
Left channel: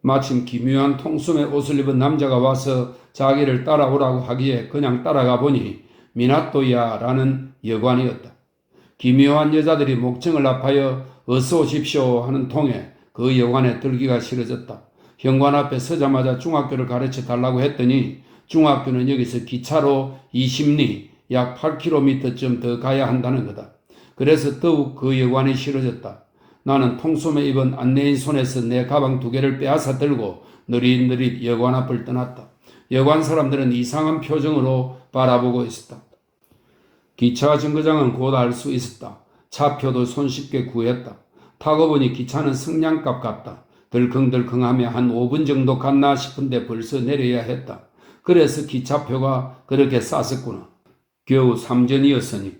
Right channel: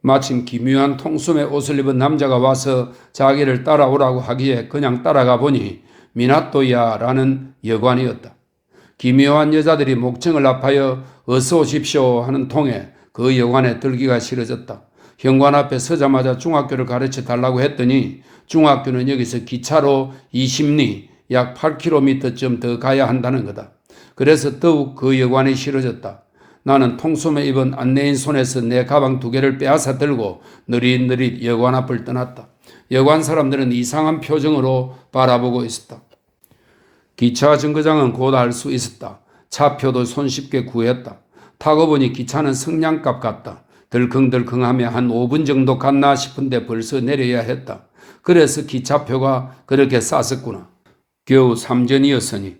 마침 기묘한 통숨의 옷을 입은 남자가 와서 자기를 따라오라고 하기에 그냥 따라가 보니 미나토야 라는 여관이었다. 기묘한 여자들이 목청을 합하여 어서 오십시오 하는 통에 그 여관에 들기가 싫어졌다. 현관 앞에 서자마자 중학교를 가르쳐 달라고 했더니 중학교는 여기서 기차로 20리 약 8km쯤 더 가야 한다는 거다. 그래서 더욱 그 여관이 싫어졌다. 나는 통소매 입은 안내인 손에서 내 가방 2개를 빼앗아 들고 느릿느릿 여관 앞을 떠났다. 여관 사람들은 이상한 표정으로 바라보고 있었다. 기차 정거장은 곧 알 수 있었다. 차표도 손쉽게 구했다. 타고 보니 기차는 성냥갑 같다. 덜컹덜컹하며 한 5분 정도 갔나 싶은데 벌써 내려야 했다. 그래서 기차표가 그렇게 쌌었구나. 겨우 3전이었으니.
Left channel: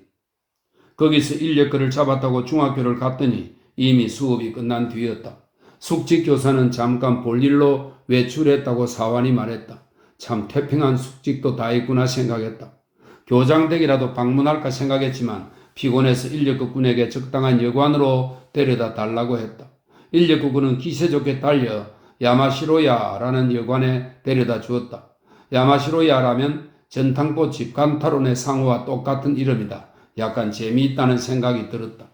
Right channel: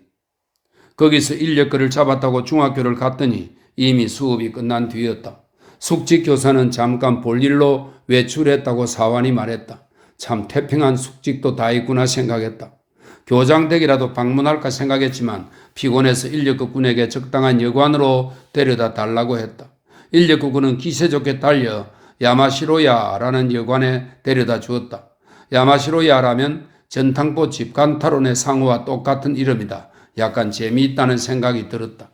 거기서 인력거를 잡았다고 중학교를 갔더니 이미 수업이 끝난 뒤였다. 숙직 교사는 잠깐 볼일로 외출했다고 사환이 말했다. 참 태평한 숙직도 다 있구나 생각했다. 교장댁이라도 방문할까 생각했지만 피곤해서 인력거꾼에게 적당한 여관으로 데려다 달라고 했다. 인력거꾼은 기세 좋게 달려 야마시로야라는 여관에 데려다 주었다. 야마시로야라면 전탕포집 간타론의 상호와 똑같은 이름이다. 약간 재미있다는 생각이 들었다.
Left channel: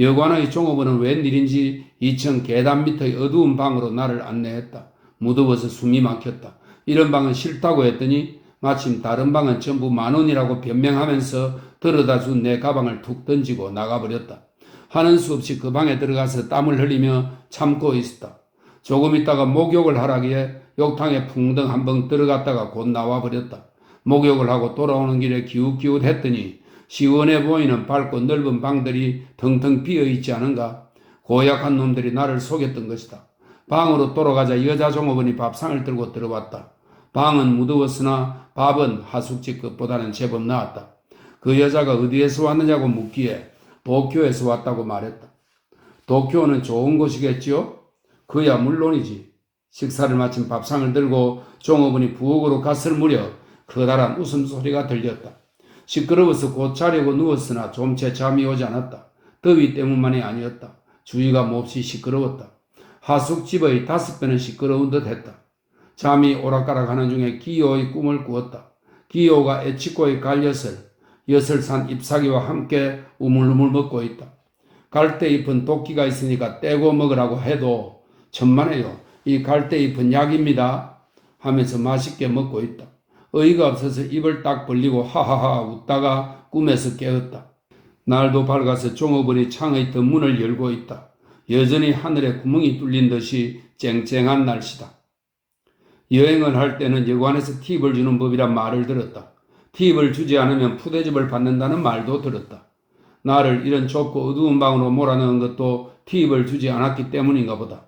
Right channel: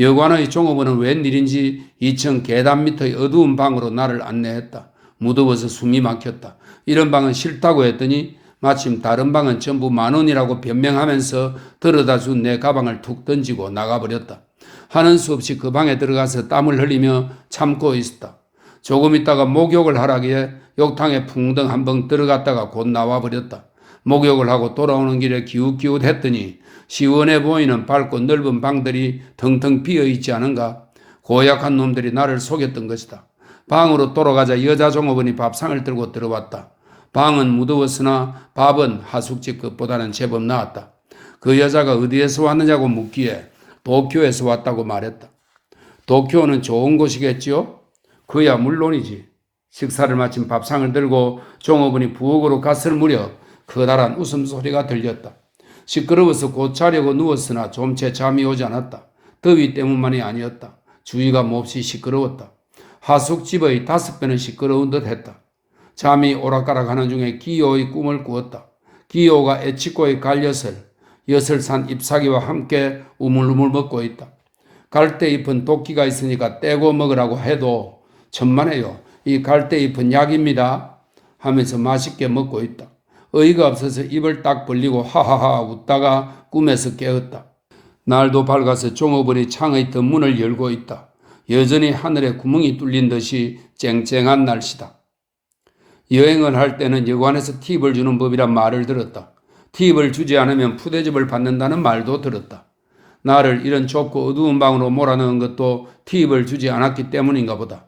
여관의 종업원은 웬일인지 2층 계단 밑의 어두운 방으로 나를 안내했다. 무더워서 숨이 막혔다. 이런 방은 싫다고 했더니 마침 다른 방은 전부 10,000원이라고 변명하면서 들여다 준 내 가방을 툭 던지고 나가버렸다. 하는 수 없이 그 방에 들어가서 땀을 흘리며 참고 있었다. 조금 있다가 목욕을 하라기에 욕탕에 풍덩 한 번 들어갔다가 곧 나와버렸다. 목욕을 하고 돌아오는 길에 기웃기웃 했더니 시원해 보이는 밝고 넓은 방들이 텅텅 비어있지 않은가? 고약한 놈들이 나를 속였던 것이다. 방으로 돌아가자 여자 종업원이 밥상을 들고 들어왔다. 방은 무더웠으나 밥은 하숙집 것보다는 제법 나았다. 그 여자가 어디에서 왔느냐고 묻기에 도쿄에서 왔다고 말했다. 도쿄는 좋은 곳이겠지요? 그야 물론이지. 식사를 마친 밥상을 들고 종업원이 부엌으로 갔을 무렵 커다란 웃음소리가 들렸다. 시끄러워서 곧 자려고 누웠으나 좀채 잠이 오지 않았다. 더위 때문만이 아니었다. 주위가 몹시 시끄러웠다. 하숙집의 5배는 시끄러운 듯 했다. 잠이 오락가락하는 중에 기요의 꿈을 꾸었다. 기요가 에치코의 갈엿을 엿을 잎사귀와 함께 우물우물 먹고 있다. 갈대잎은 도끼가 있으니까 떼고 먹으라고 해도 천만에요. 이 갈대잎은 약입니다. 하면서 맛있게 먹고 있다. 어이가 없어서 입을 딱 벌리고 하하하 웃다가 꿈에서 깨었다. 날도 밝아서 종업원이 창의 덧문을 열고 있다. 여전히 하늘에 구멍이 뚫린 듯이 쨍쨍한 날씨다. 여행을 할 때는 여관에서 팁을 주는 법이란 말을 들었다. 팁을 주지 않으면 푸대접을 받는다는 말도 들었다. 나를 이런 좁고 어두운 방으로 몰아넣은 것도 팁을 주지 않았기 때문인가 보다.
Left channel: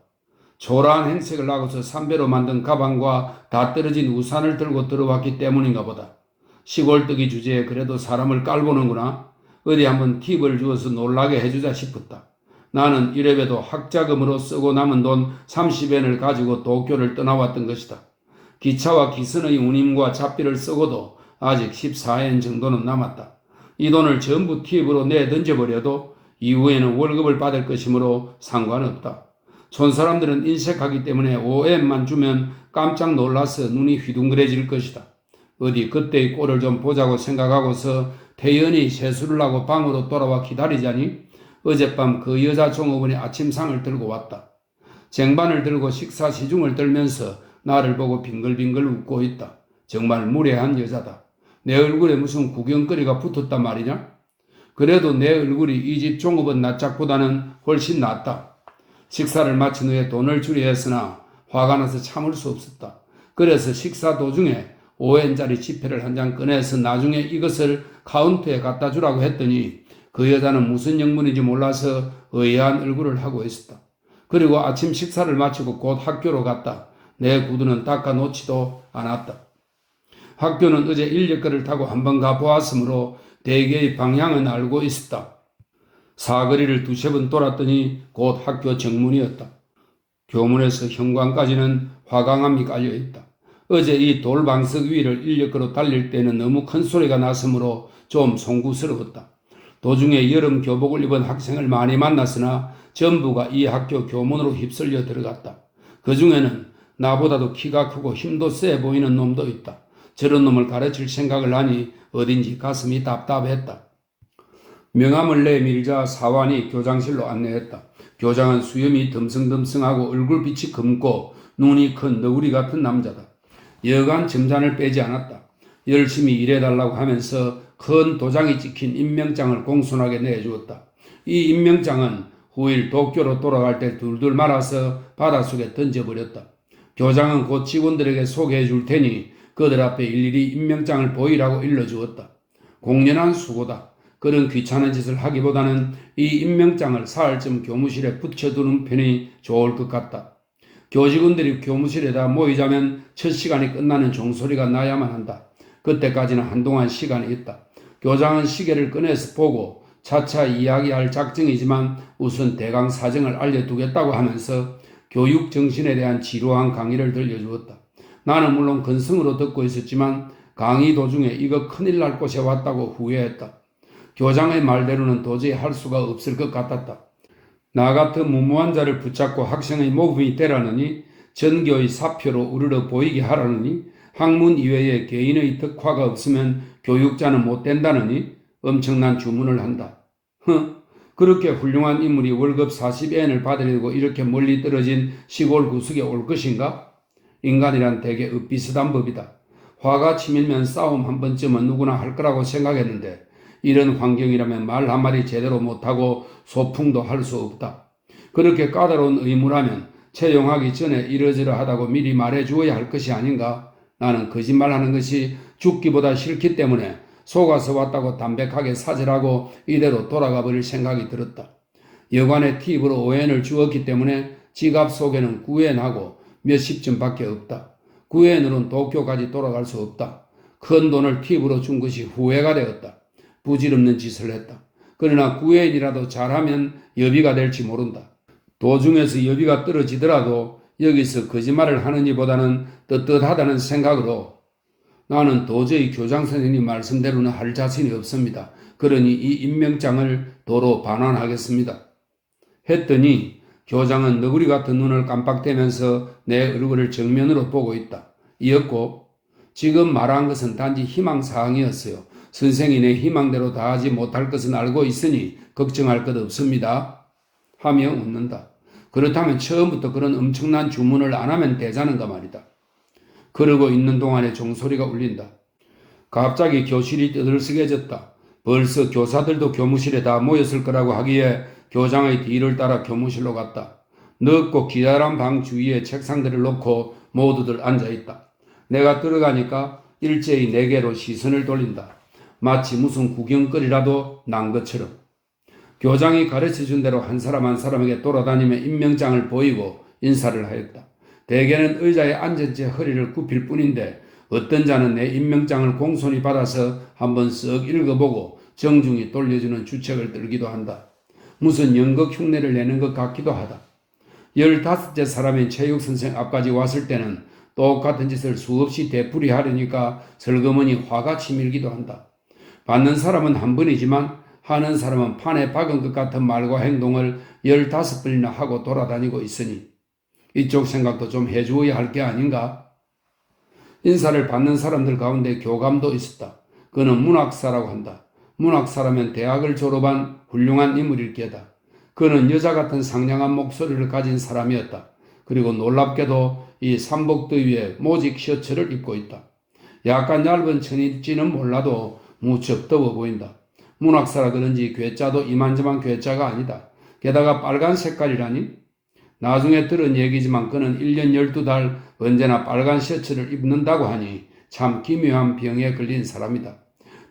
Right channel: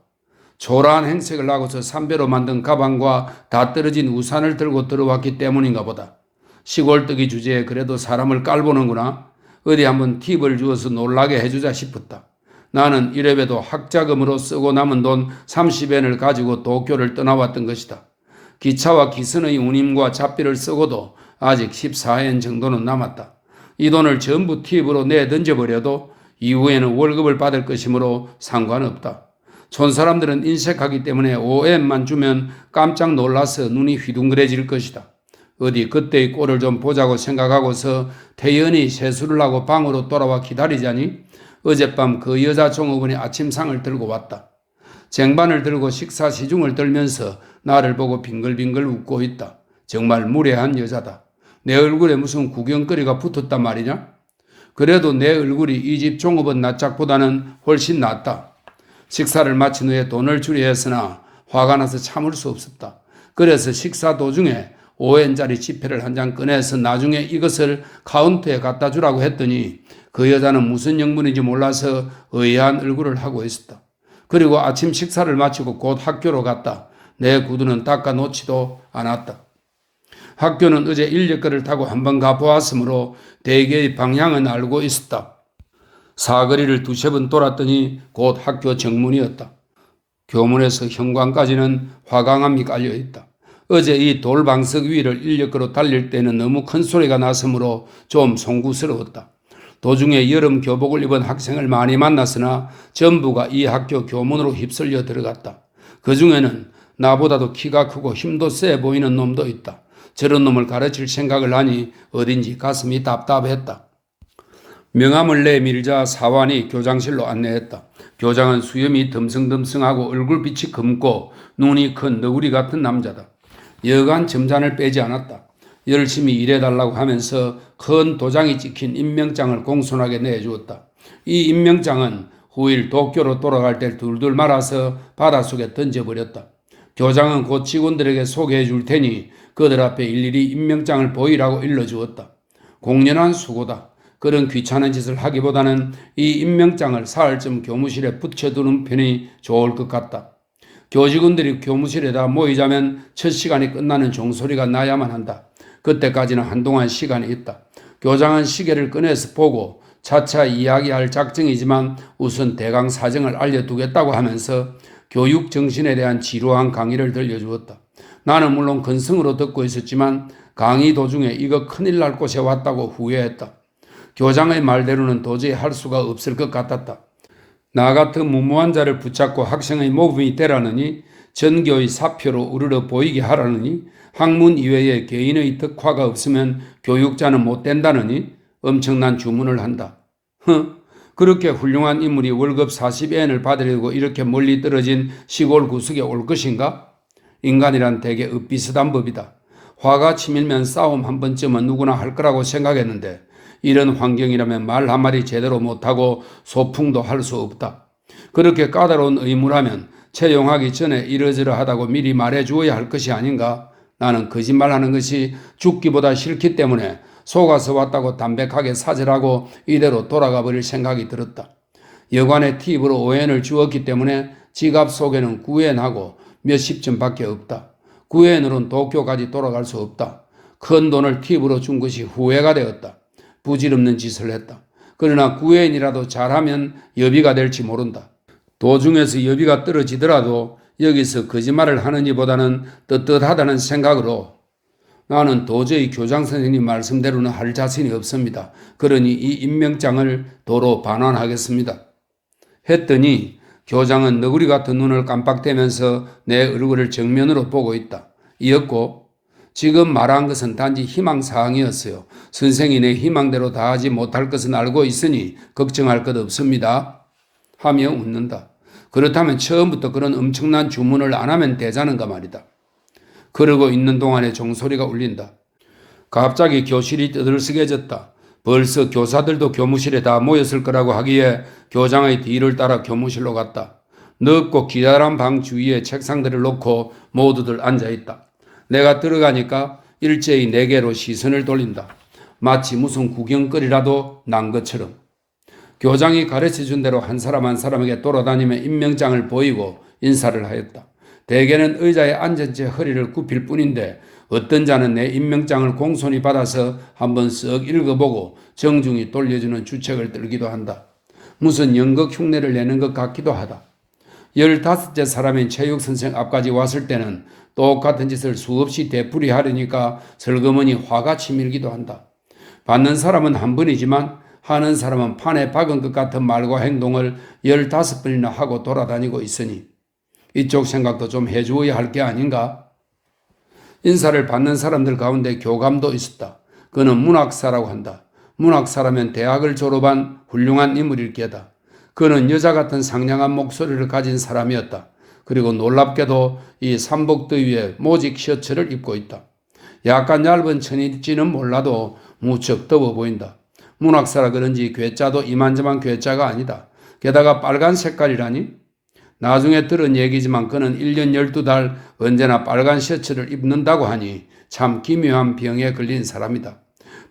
초라한 행색을 하고서 삼배로 만든 가방과 다 떨어진 우산을 들고 들어왔기 때문인가 보다. 시골뜨기 주제에 그래도 사람을 깔보는구나. 어디 한번 팁을 주어서 놀라게 해주자 싶었다. 나는 이래봬도 학자금으로 쓰고 남은 돈 30엔을 가지고 도쿄를 떠나왔던 것이다. 기차와 기선의 운임과 잡비를 쓰고도 아직 14엔 정도는 남았다. 이 돈을 전부 팁으로 내던져버려도 이후에는 월급을 받을 것이므로 상관없다. 촌사람들은 인색하기 때문에 5엔만 주면 깜짝 놀라서 눈이 휘둥그레질 것이다. 어디 그때의 꼴을 좀 보자고 생각하고서 태연히 세수를 하고 방으로 돌아와 기다리자니 어젯밤 그 여자 종업원이 아침상을 들고 왔다. 쟁반을 들고 식사 시중을 떨면서 나를 보고 빙글빙글 웃고 있다. 정말 무례한 여자다. 내 얼굴에 무슨 구경거리가 붙었단 말이냐? 그래도 내 얼굴이 이 집 종업원 낯짝보다는 훨씬 낫다. 식사를 마친 후에 돈을 주려 했으나 화가 나서 참을 수 없었다. 그래서 식사 도중에 5엔짜리 지폐를 한 장 꺼내서 나중에 이것을 카운터에 갖다 주라고 했더니 그 여자는 무슨 영문인지 몰라서 의아한 얼굴을 하고 있었다. 그리고 아침 식사를 마치고 곧 학교로 갔다. 내 구두는 닦아 놓지도 않았다. 학교는 어제 인력거를 타고 한번 가보았으므로 대개의 방향은 알고 있었다. 사거리를 2-3번 돌았더니 곧 학교 정문이었다. 교문에서 현관까지는 화강암이 깔려있다. 어제 이 돌방석 위를 인력거로 달릴 때는 너무 큰 소리가 났으므로 좀 송구스러웠다. 도중에 여름 교복을 입은 학생을 많이 만났으나 전부가 이 학교 교문으로 휩쓸려 들어갔다. 그 중에는 나보다도 키가 크고 힘도 세 보이는 놈도 있다. 저런 놈을 가르칠 생각을 하니 어딘지 가슴이 답답했다. 명함을 내밀자 사환이 교장실로 안내했다. 교장은 수염이 듬성듬성하고 얼굴빛이 검고 눈이 큰 너구리 같은 남자다. 여간 점잔을 빼지 않았다. 열심히 일해달라고 하면서 큰 도장이 찍힌 임명장을 공손하게 내주었다. 이 임명장은 후일 도쿄로 돌아갈 때 둘둘 말아서 바닷속에 던져버렸다. 교장은 곧 직원들에게 소개해 줄 테니 그들 앞에 일일이 임명장을 보이라고 일러주었다. 공연한 수고다. 그런 귀찮은 짓을 하기보다는 이 임명장을 사흘쯤 교무실에 붙여두는 편이 좋을 것 같다. 교직원들이 교무실에다 모이자면 첫 시간이 끝나는 종소리가 나야만 한다. 그때까지는 한동안 시간이 있다. 교장은 시계를 꺼내서 보고 차차 이야기할 작정이지만 우선 대강 사정을 알려두겠다고 하면서 교육 정신에 대한 지루한 강의를 들려주었다. 나는 물론 근성으로 듣고 있었지만 강의 도중에 이거 큰일 날 곳에 왔다고 후회했다. 교장의 말대로는 도저히 할 수가 없을 것 같았다. 나 같은 무모한 자를 붙잡고 학생의 모범이 되라느니 전교의 사표로 우러러 보이게 하라느니 학문 이외에 개인의 덕화가 없으면 교육자는 못 된다느니 엄청난 주문을 한다. 그렇게 훌륭한 인물이 월급 40엔을 받으려고 이렇게 멀리 떨어진 시골 구석에 올 것인가? 인간이란 되게 엇비슷한 법이다. 화가 치밀면 싸움 한 번쯤은 누구나 할 거라고 생각했는데 이런 환경이라면 말 한마디 제대로 못하고 소풍도 할 수 없다. 그렇게 까다로운 의무라면 채용하기 전에 이러저러하다고 미리 말해주어야 할 것이 아닌가? 나는 거짓말하는 것이 죽기보다 싫기 때문에 속아서 왔다고 담백하게 사절하고 이대로 돌아가 버릴 생각이 들었다. 여관의 팁으로 5엔을 주었기 때문에 지갑 속에는 9엔하고 몇십 점밖에 없다. 9엔으로는 도쿄까지 돌아갈 수 없다. 큰 돈을 팁으로 준 것이 후회가 되었다. 부질없는 짓을 했다. 그러나 9엔이라도 잘하면 여비가 될지 모른다. 도중에서 여비가 떨어지더라도 여기서 거짓말을 하느니보다는 떳떳하다는 생각으로 나는 도저히 교장 선생님 말씀대로는 할 자신이 없습니다. 그러니 이 임명장을 도로 반환하겠습니다. 했더니 교장은 너구리 같은 눈을 깜빡대면서 내 얼굴을 정면으로 보고 있다. 이었고 지금 말한 것은 단지 희망사항이었어요. 선생이 내 희망대로 다 하지 못할 것은 알고 있으니 걱정할 것 없습니다. 하며 웃는다. 그렇다면 처음부터 그런 엄청난 주문을 안 하면 되자는가 말이다. 그러고 있는 동안에 종소리가 울린다. 갑자기 교실이 떠들썩해졌다. 벌써 교사들도 교무실에 다 모였을 거라고 하기에 교장의 뒤를 따라 교무실로 갔다. 넓고 기다란 방 주위에 책상들을 놓고 모두들 앉아있다. 내가 들어가니까 일제히 내게로 시선을 돌린다. 마치 무슨 구경거리라도 난 것처럼. 교장이 가르쳐준 대로 한 사람 한 사람에게 돌아다니며 임명장을 보이고 인사를 하였다. 대개는 의자에 앉은 채 허리를 굽힐 뿐인데 어떤 자는 내 임명장을 공손히 받아서 한번 쓱 읽어보고 정중히 돌려주는 주책을 떨기도 한다. 무슨 연극 흉내를 내는 것 같기도 하다. 15째 사람인 체육선생 앞까지 왔을 때는 똑같은 짓을 수없이 되풀이하려니까 슬그머니 화가 치밀기도 한다. 받는 사람은 한 번이지만 하는 사람은 판에 박은 것 같은 말과 행동을 15번이나 하고 돌아다니고 있으니 이쪽 생각도 좀 해주어야 할 게 아닌가? 인사를 받는 사람들 가운데 교감도 있었다. 그는 문학사라고 한다. 문학사라면 대학을 졸업한 훌륭한 인물일 게다. 그는 여자 같은 상냥한 목소리를 가진 사람이었다. 그리고 놀랍게도 이 삼복더위에 모직 셔츠를 입고 있다. 약간 얇은 천일지는 몰라도 무척 더워 보인다. 문학사라 그런지 괴짜도 이만저만 괴짜가 아니다. 게다가 빨간 색깔이라니? 나중에 들은 얘기지만 그는 1년 12달 언제나 빨간 셔츠를 입는다고 하니 참 기묘한 병에 걸린 사람이다.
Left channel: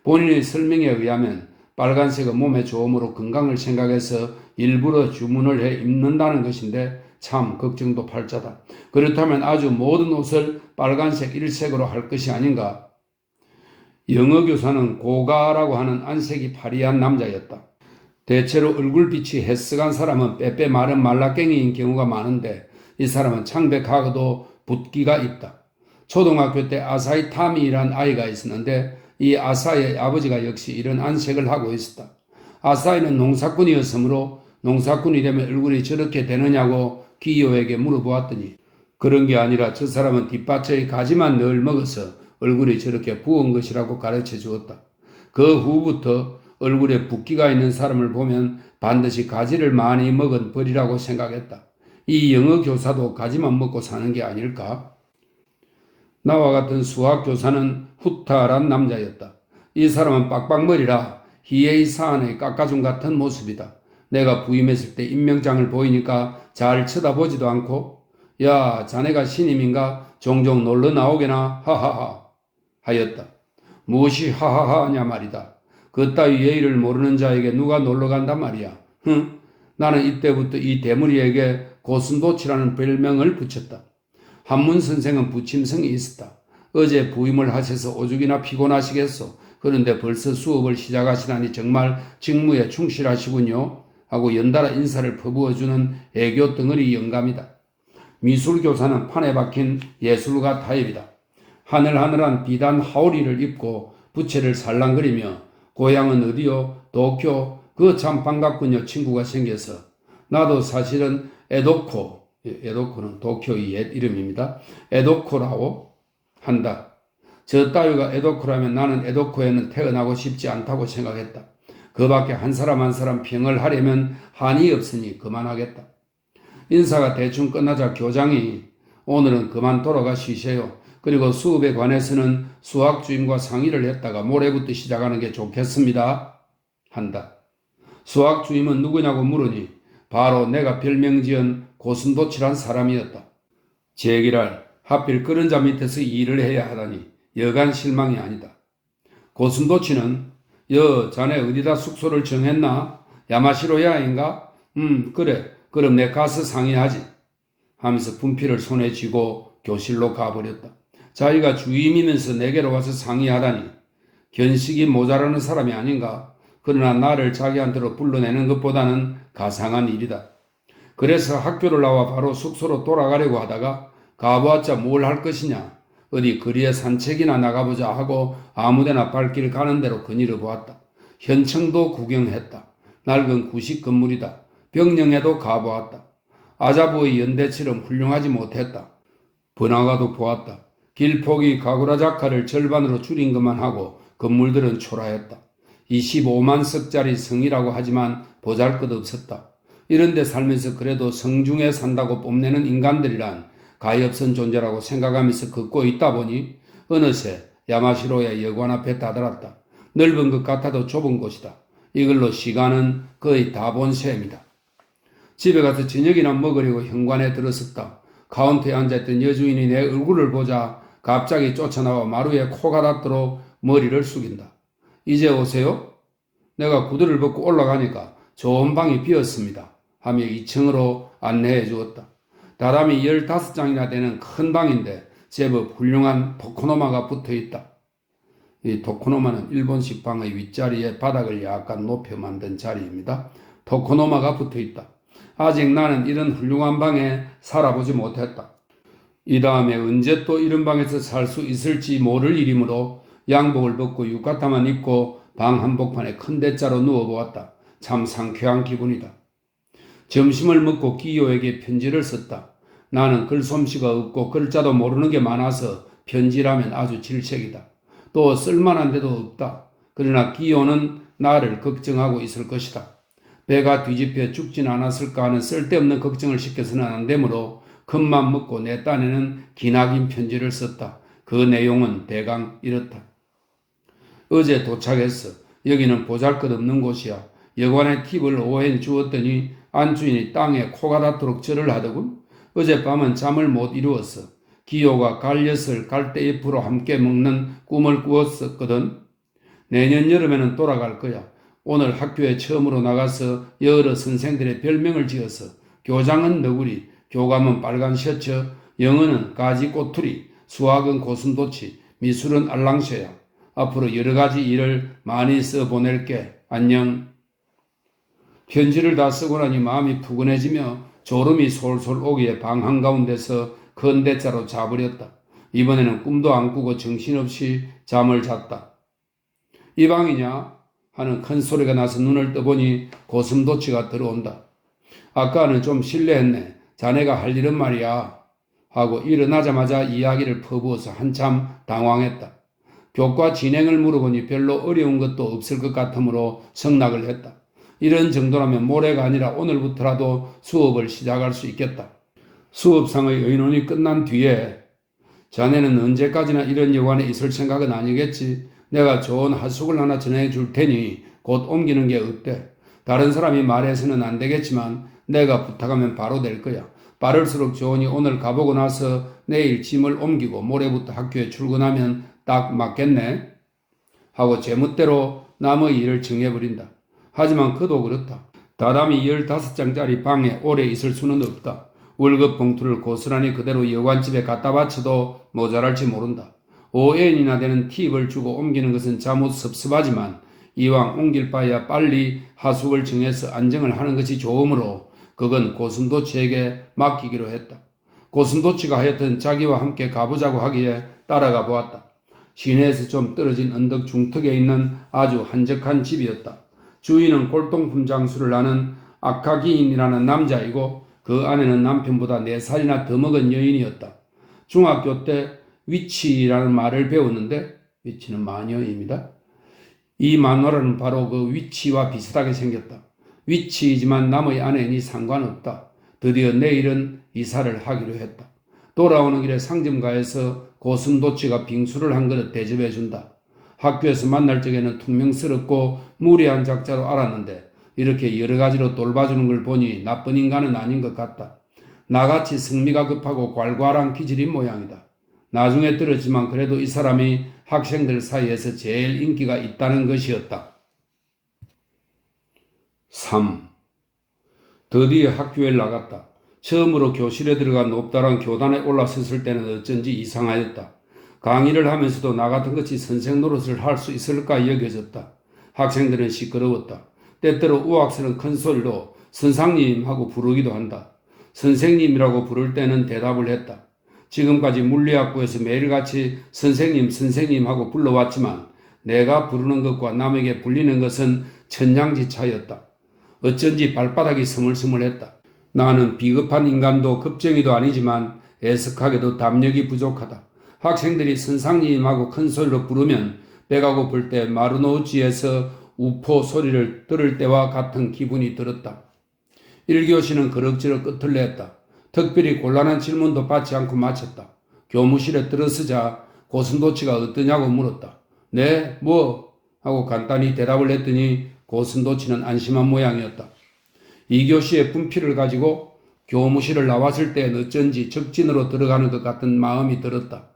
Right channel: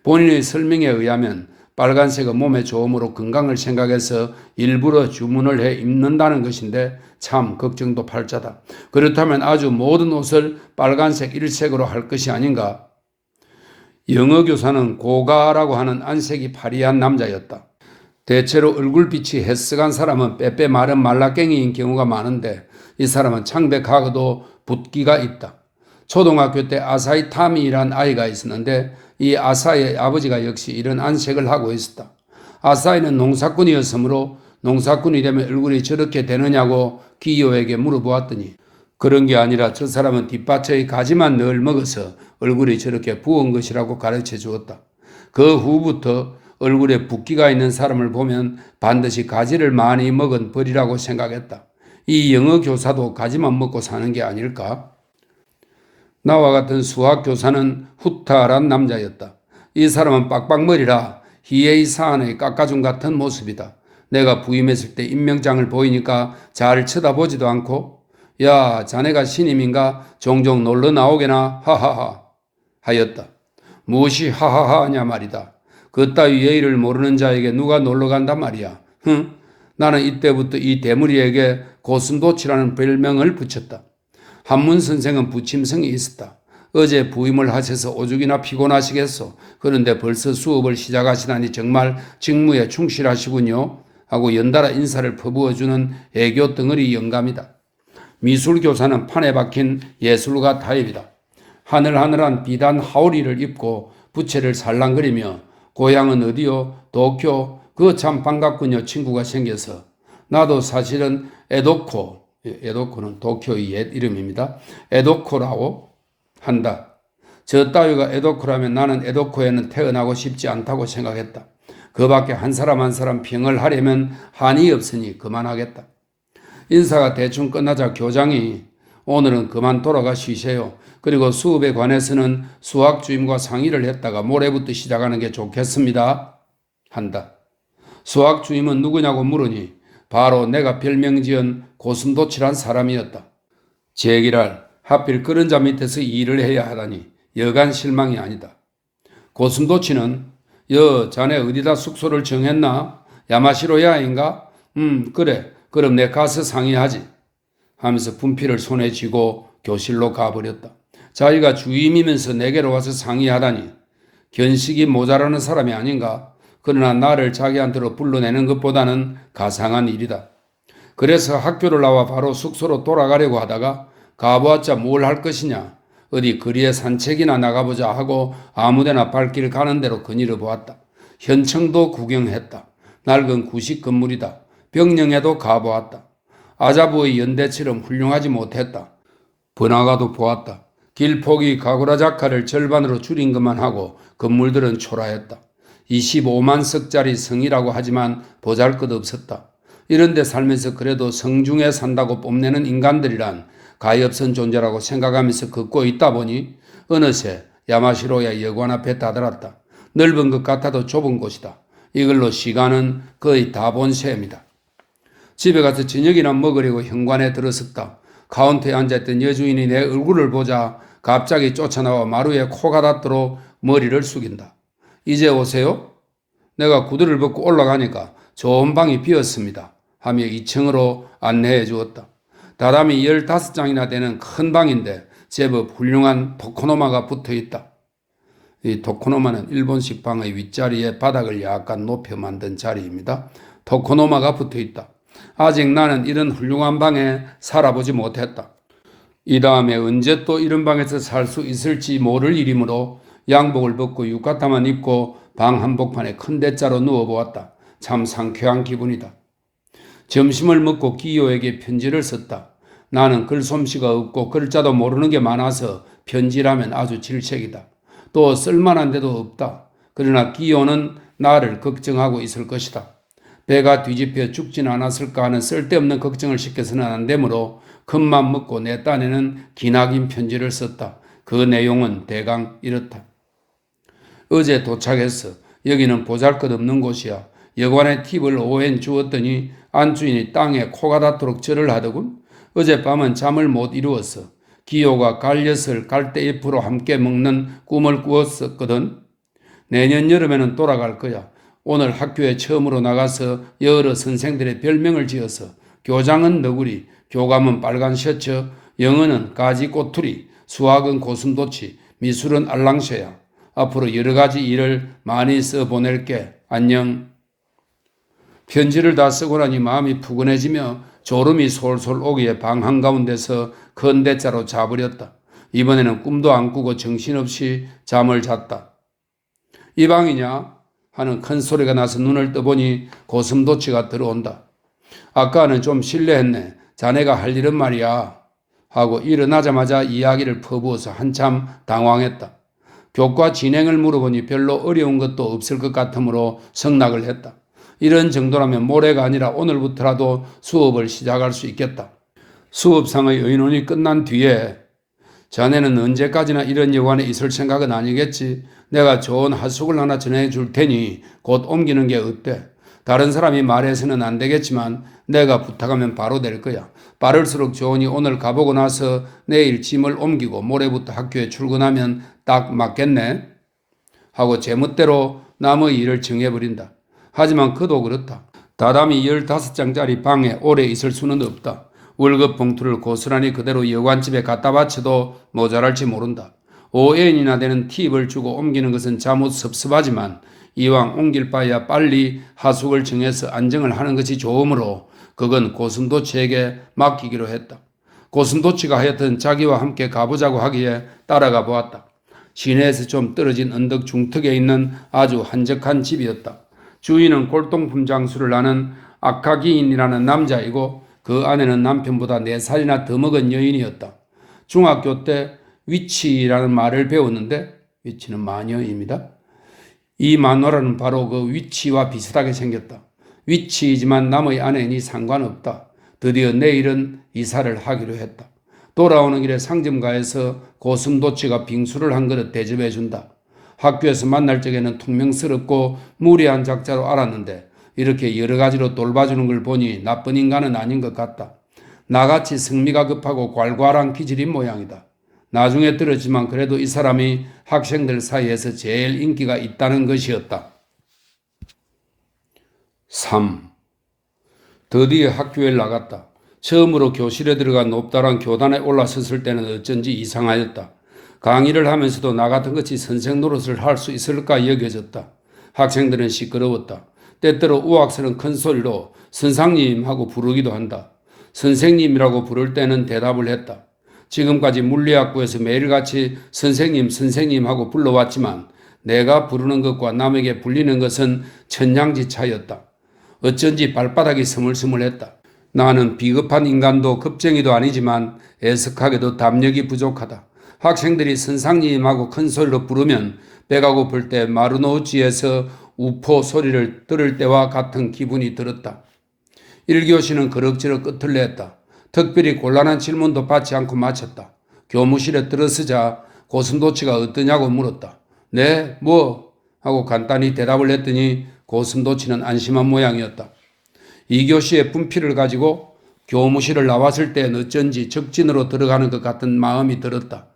본인의 설명에 의하면 빨간색은 몸에 좋음으로 건강을 생각해서 일부러 주문을 해 입는다는 것인데 참 걱정도 팔자다. 그렇다면 아주 모든 옷을 빨간색 일색으로 할 것이 아닌가? 영어 교사는 고가라고 하는 안색이 파리한 남자였다. 대체로 얼굴빛이 헬쓱한 사람은 빼빼 마른 말라깽이인 경우가 많은데 이 사람은 창백하고도 붓기가 있다. 초등학교 때 아사히 타미라는 아이가 있었는데 이 아사히의 아버지가 역시 이런 안색을 하고 있었다. 아사히는 농사꾼이었으므로 농사꾼이 되면 얼굴이 저렇게 되느냐고 기요에게 물어보았더니 그런 게 아니라 저 사람은 뒷밭의 가지만 늘 먹어서 얼굴이 저렇게 부은 것이라고 가르쳐 주었다. 그 후부터 얼굴에 붓기가 있는 사람을 보면 반드시 가지를 많이 먹은 벌이라고 생각했다. 이 영어 교사도 가지만 먹고 사는 게 아닐까? 나와 같은 수학 교사는 후타란 남자였다. 이 사람은 빡빡머리라 희에이 사안의 깎아준 같은 모습이다. 내가 부임했을 때 임명장을 보이니까 잘 쳐다보지도 않고 야 자네가 신임인가 종종 놀러 나오게나 하하하 하였다. 무엇이 하하하 하냐 말이다. 그따위 예의를 모르는 자에게 누가 놀러 간단 말이야. 나는 이때부터 이 대무리에게 고슴도치라는 별명을 붙였다. 한문 선생은 부침성이 있었다. 어제 부임을 하셔서 오죽이나 피곤하시겠소. 그런데 벌써 수업을 시작하시다니 정말 직무에 충실하시군요. 하고 연달아 인사를 퍼부어주는 애교 덩어리 영감이다. 미술교사는 판에 박힌 예술가 타입이다. 하늘하늘한 비단 하우리를 입고 부채를 살랑거리며 고향은 어디요? 도쿄. 그거 참 반갑군요. 친구가 생겨서. 나도 사실은 에도코는 도쿄의 옛 이름입니다. 에도코라고 한다. 저 따위가 에도코라면 나는 에도코에는 태어나고 싶지 않다고 생각했다. 그 밖에 한 사람 한 사람 평을 하려면 한이 없으니 그만하겠다. 인사가 대충 끝나자 교장이 오늘은 그만 돌아가 쉬세요. 그리고 수업에 관해서는 수학 주임과 상의를 했다가 모레부터 시작하는 게 좋겠습니다. 한다. 수학 주임은 누구냐고 물으니 바로 내가 별명 지은 고슴도치란 사람이었다. 제기랄 하필 그런 자 밑에서 일을 해야 하다니 여간 실망이 아니다. 고슴도치는 자네 어디다 숙소를 정했나? 야마시로야인가? 그래. 그럼 내 가서 상의하지. 하면서 분필을 손에 쥐고 교실로 가버렸다. 자기가 주임이면서 내게로 와서 상의하다니 견식이 모자라는 사람이 아닌가? 그러나 나를 자기한테로 불러내는 것보다는 가상한 일이다. 그래서 학교를 나와 바로 숙소로 돌아가려고 하다가 가보았자 뭘 할 것이냐. 어디 거리에 산책이나 나가보자 하고 아무데나 발길 가는 대로 거닐어 보았다. 현청도 구경했다. 낡은 구식 건물이다. 병령에도 가보았다. 아자부의 연대처럼 훌륭하지 못했다. 번화가도 보았다. 길폭이 가구라자카를 절반으로 줄인 것만 하고 건물들은 초라했다. 25만 석짜리 성이라고 하지만 보잘것없었다. 이런데 살면서 그래도 성중에 산다고 뽐내는 인간들이란 가엾은 존재라고 생각하면서 걷고 있다 보니 어느새 야마시로야 여관 앞에 다다랐다. 넓은 것 같아도 좁은 곳이다. 이걸로 시간은 거의 다 본 셈이다. 집에 가서 저녁이나 먹으려고 현관에 들어섰다. 카운터에 앉아있던 여주인이 내 얼굴을 보자 갑자기 쫓아나와 마루에 코가 닿도록 머리를 숙인다. 이제 오세요? 내가 구두를 벗고 올라가니까 좋은 방이 비었습니다. 하며 2층으로 안내해 주었다. 다람이 15장이나 되는 큰 방인데 제법 훌륭한 토코노마가 붙어 있다. 이 토코노마는 일본식 방의 윗자리에 바닥을 약간 높여 만든 자리입니다. 토코노마가 붙어 있다. 아직 나는 이런 훌륭한 방에 살아보지 못했다. 이 다음에 언제 또 이런 방에서 살 수 있을지 모를 일이므로 양복을 벗고浴衣만 입고 방 한복판에 큰 대자로 누워보았다. 참 상쾌한 기분이다. 점심을 먹고 기요에게 편지를 썼다. 나는 글솜씨가 없고 글자도 모르는 게 많아서 편지라면 아주 질색이다. 또 쓸만한 데도 없다. 그러나 기요는 나를 걱정하고 있을 것이다. 배가 뒤집혀 죽진 않았을까 하는 쓸데없는 걱정을 시켜서는 안 되므로 큰맘 먹고 내 딴에는 기나긴 편지를 썼다. 그 내용은 대강 이렇다. 어제 도착했어. 여기는 보잘것없는 곳이야. 여관에 팁을 5엔 주었더니 안주인이 땅에 코가 닿도록 절을 하더군. 어젯밤은 잠을 못 이루었어. 기요가 갈엿을 갈대잎으로 함께 먹는 꿈을 꾸었었거든. 내년 여름에는 돌아갈 거야. 오늘 학교에 처음으로 나가서 여러 선생들의 별명을 지어서 교장은 너구리, 교감은 빨간 셔츠, 영어는 가지 꼬투리, 수학은 고슴도치, 미술은 알랑새야. 앞으로 여러 가지 일을 많이 써보낼게. 안녕. 편지를 다 쓰고 나니 마음이 푸근해지며 졸음이 솔솔 오기에 방 한가운데서 큰 대자로 자버렸다. 이번에는 꿈도 안 꾸고 정신없이 잠을 잤다. 이 방이냐? 하는 큰 소리가 나서 눈을 떠보니 고슴도치가 들어온다. 아까는 좀 실례했네. 자네가 할 일은 말이야. 하고 일어나자마자 이야기를 퍼부어서 한참 당황했다. 교과 진행을 물어보니 별로 어려운 것도 없을 것 같으므로 승낙을 했다. 이런 정도라면 모레가 아니라 오늘부터라도 수업을 시작할 수 있겠다. 수업상의 의논이 끝난 뒤에 자네는 언제까지나 이런 여관에 있을 생각은 아니겠지. 내가 좋은 하숙을 하나 전해줄 테니 곧 옮기는 게 어때? 다른 사람이 말해서는 안 되겠지만 내가 부탁하면 바로 될 거야. 빠를수록 좋으니 오늘 가보고 나서 내일 짐을 옮기고 모레부터 학교에 출근하면 딱 맞겠네. 하고 제멋대로 남의 일을 정해버린다. 하지만 그도 그렇다. 다담이 15장짜리 방에 오래 있을 수는 없다. 월급 봉투를 고스란히 그대로 여관집에 갖다 바쳐도 모자랄지 모른다. 5엔이나 되는 팁을 주고 옮기는 것은 자못 섭섭하지만 이왕 옮길 바에야 빨리 하숙을 정해서 안정을 하는 것이 좋으므로 그건 고슴도치에게 맡기기로 했다. 고슴도치가 하여튼 자기와 함께 가보자고 하기에 따라가 보았다. 시내에서 좀 떨어진 언덕 중턱에 있는 아주 한적한 집이었다. 주인은 골동품 장수를 하는 아카기인이라는 남자이고 그 아내는 남편보다 4살이나 더 먹은 여인이었다. 중학교 때 위치라는 말을 배웠는데 위치는 마녀입니다. 이 마누라는 바로 그 위치와 비슷하게 생겼다. 위치이지만 남의 아내니 상관없다. 드디어 내일은 이사를 하기로 했다. 돌아오는 길에 상점가에서 고슴도치가 빙수를 한 그릇 대접해준다. 학교에서 만날 적에는 퉁명스럽고 무리한 작자로 알았는데 이렇게 여러 가지로 돌봐주는 걸 보니 나쁜 인간은 아닌 것 같다. 나같이 성미가 급하고 괄괄한 기질인 모양이다. 나중에 들었지만 그래도 이 사람이 학생들 사이에서 제일 인기가 있다는 것이었다. 3. 드디어 학교에 나갔다. 처음으로 교실에 들어가 높다란 교단에 올라섰을 때는 어쩐지 이상하였다. 강의를 하면서도 나 같은 것이 선생 노릇을 할 수 있을까 여겨졌다. 학생들은 시끄러웠다. 때때로 우악스런 큰 소리로 선생님 하고 부르기도 한다. 선생님이라고 부를 때는 대답을 했다. 지금까지 물리학부에서 매일같이 선생님 하고 불러왔지만 내가 부르는 것과 남에게 불리는 것은 천냥지 차이였다. 어쩐지 발바닥이 스물스물했다. 나는 비겁한 인간도 겁쟁이도 아니지만 애석하게도 담력이 부족하다. 학생들이 선생님하고 큰 소리로 부르면 배가 고플 때 마루노지에서 우포 소리를 들을 때와 같은 기분이 들었다. 1교시는 그럭저럭 끝을 냈다. 특별히 곤란한 질문도 받지 않고 마쳤다. 교무실에 들어서자 고슴도치가 어떠냐고 물었다. 네, 뭐? 하고 간단히 대답을 했더니 고슴도치는 안심한 모양이었다. 2교시의 분필을 가지고 교무실을 나왔을 땐 어쩐지 적진으로 들어가는 것 같은 마음이 들었다.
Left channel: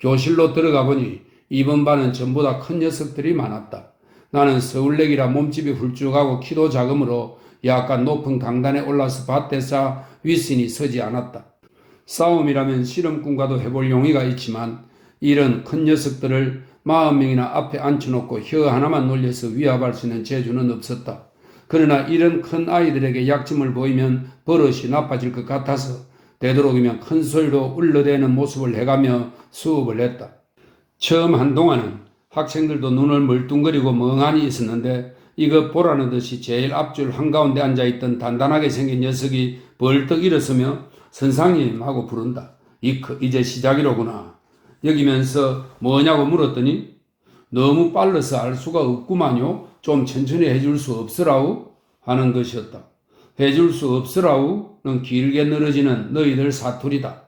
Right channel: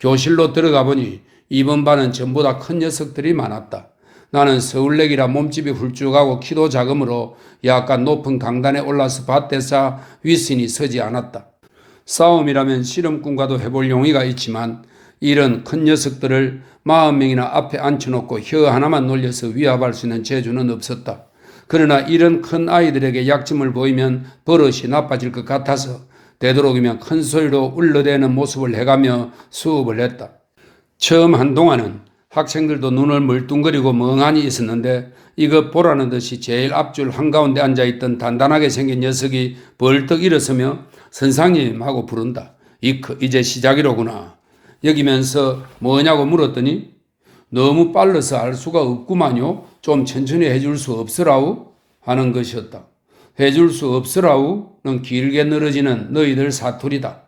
교실로 들어가 보니 이번 반은 전보다 큰 녀석들이 많았다. 나는 서울내기라 몸집이 훌쭉하고 키도 작으므로 약간 높은 강단에 올라서 밭대사 윗신이 서지 않았다. 싸움이라면 실험꾼과도 해볼 용의가 있지만 이런 큰 녀석들을 40명이나 앞에 앉혀놓고 혀 하나만 놀려서 위압할 수 있는 재주는 없었다. 그러나 이런 큰 아이들에게 약점을 보이면 버릇이 나빠질 것 같아서 되도록이면 큰 소리로 울러대는 모습을 해가며 수업을 했다. 처음 한동안은 학생들도 눈을 멀뚱거리고 멍하니 있었는데 이것 보라는 듯이 제일 앞줄 한가운데 앉아있던 단단하게 생긴 녀석이 벌떡 일어서며 선생님 하고 부른다. 이제 시작이로구나. 여기면서 뭐냐고 물었더니 너무 빨라서 알 수가 없구만요. 좀 천천히 해줄 수 없으라우? 하는 것이었다. 해줄 수 없으라우는 길게 늘어지는 너희들 사투리다.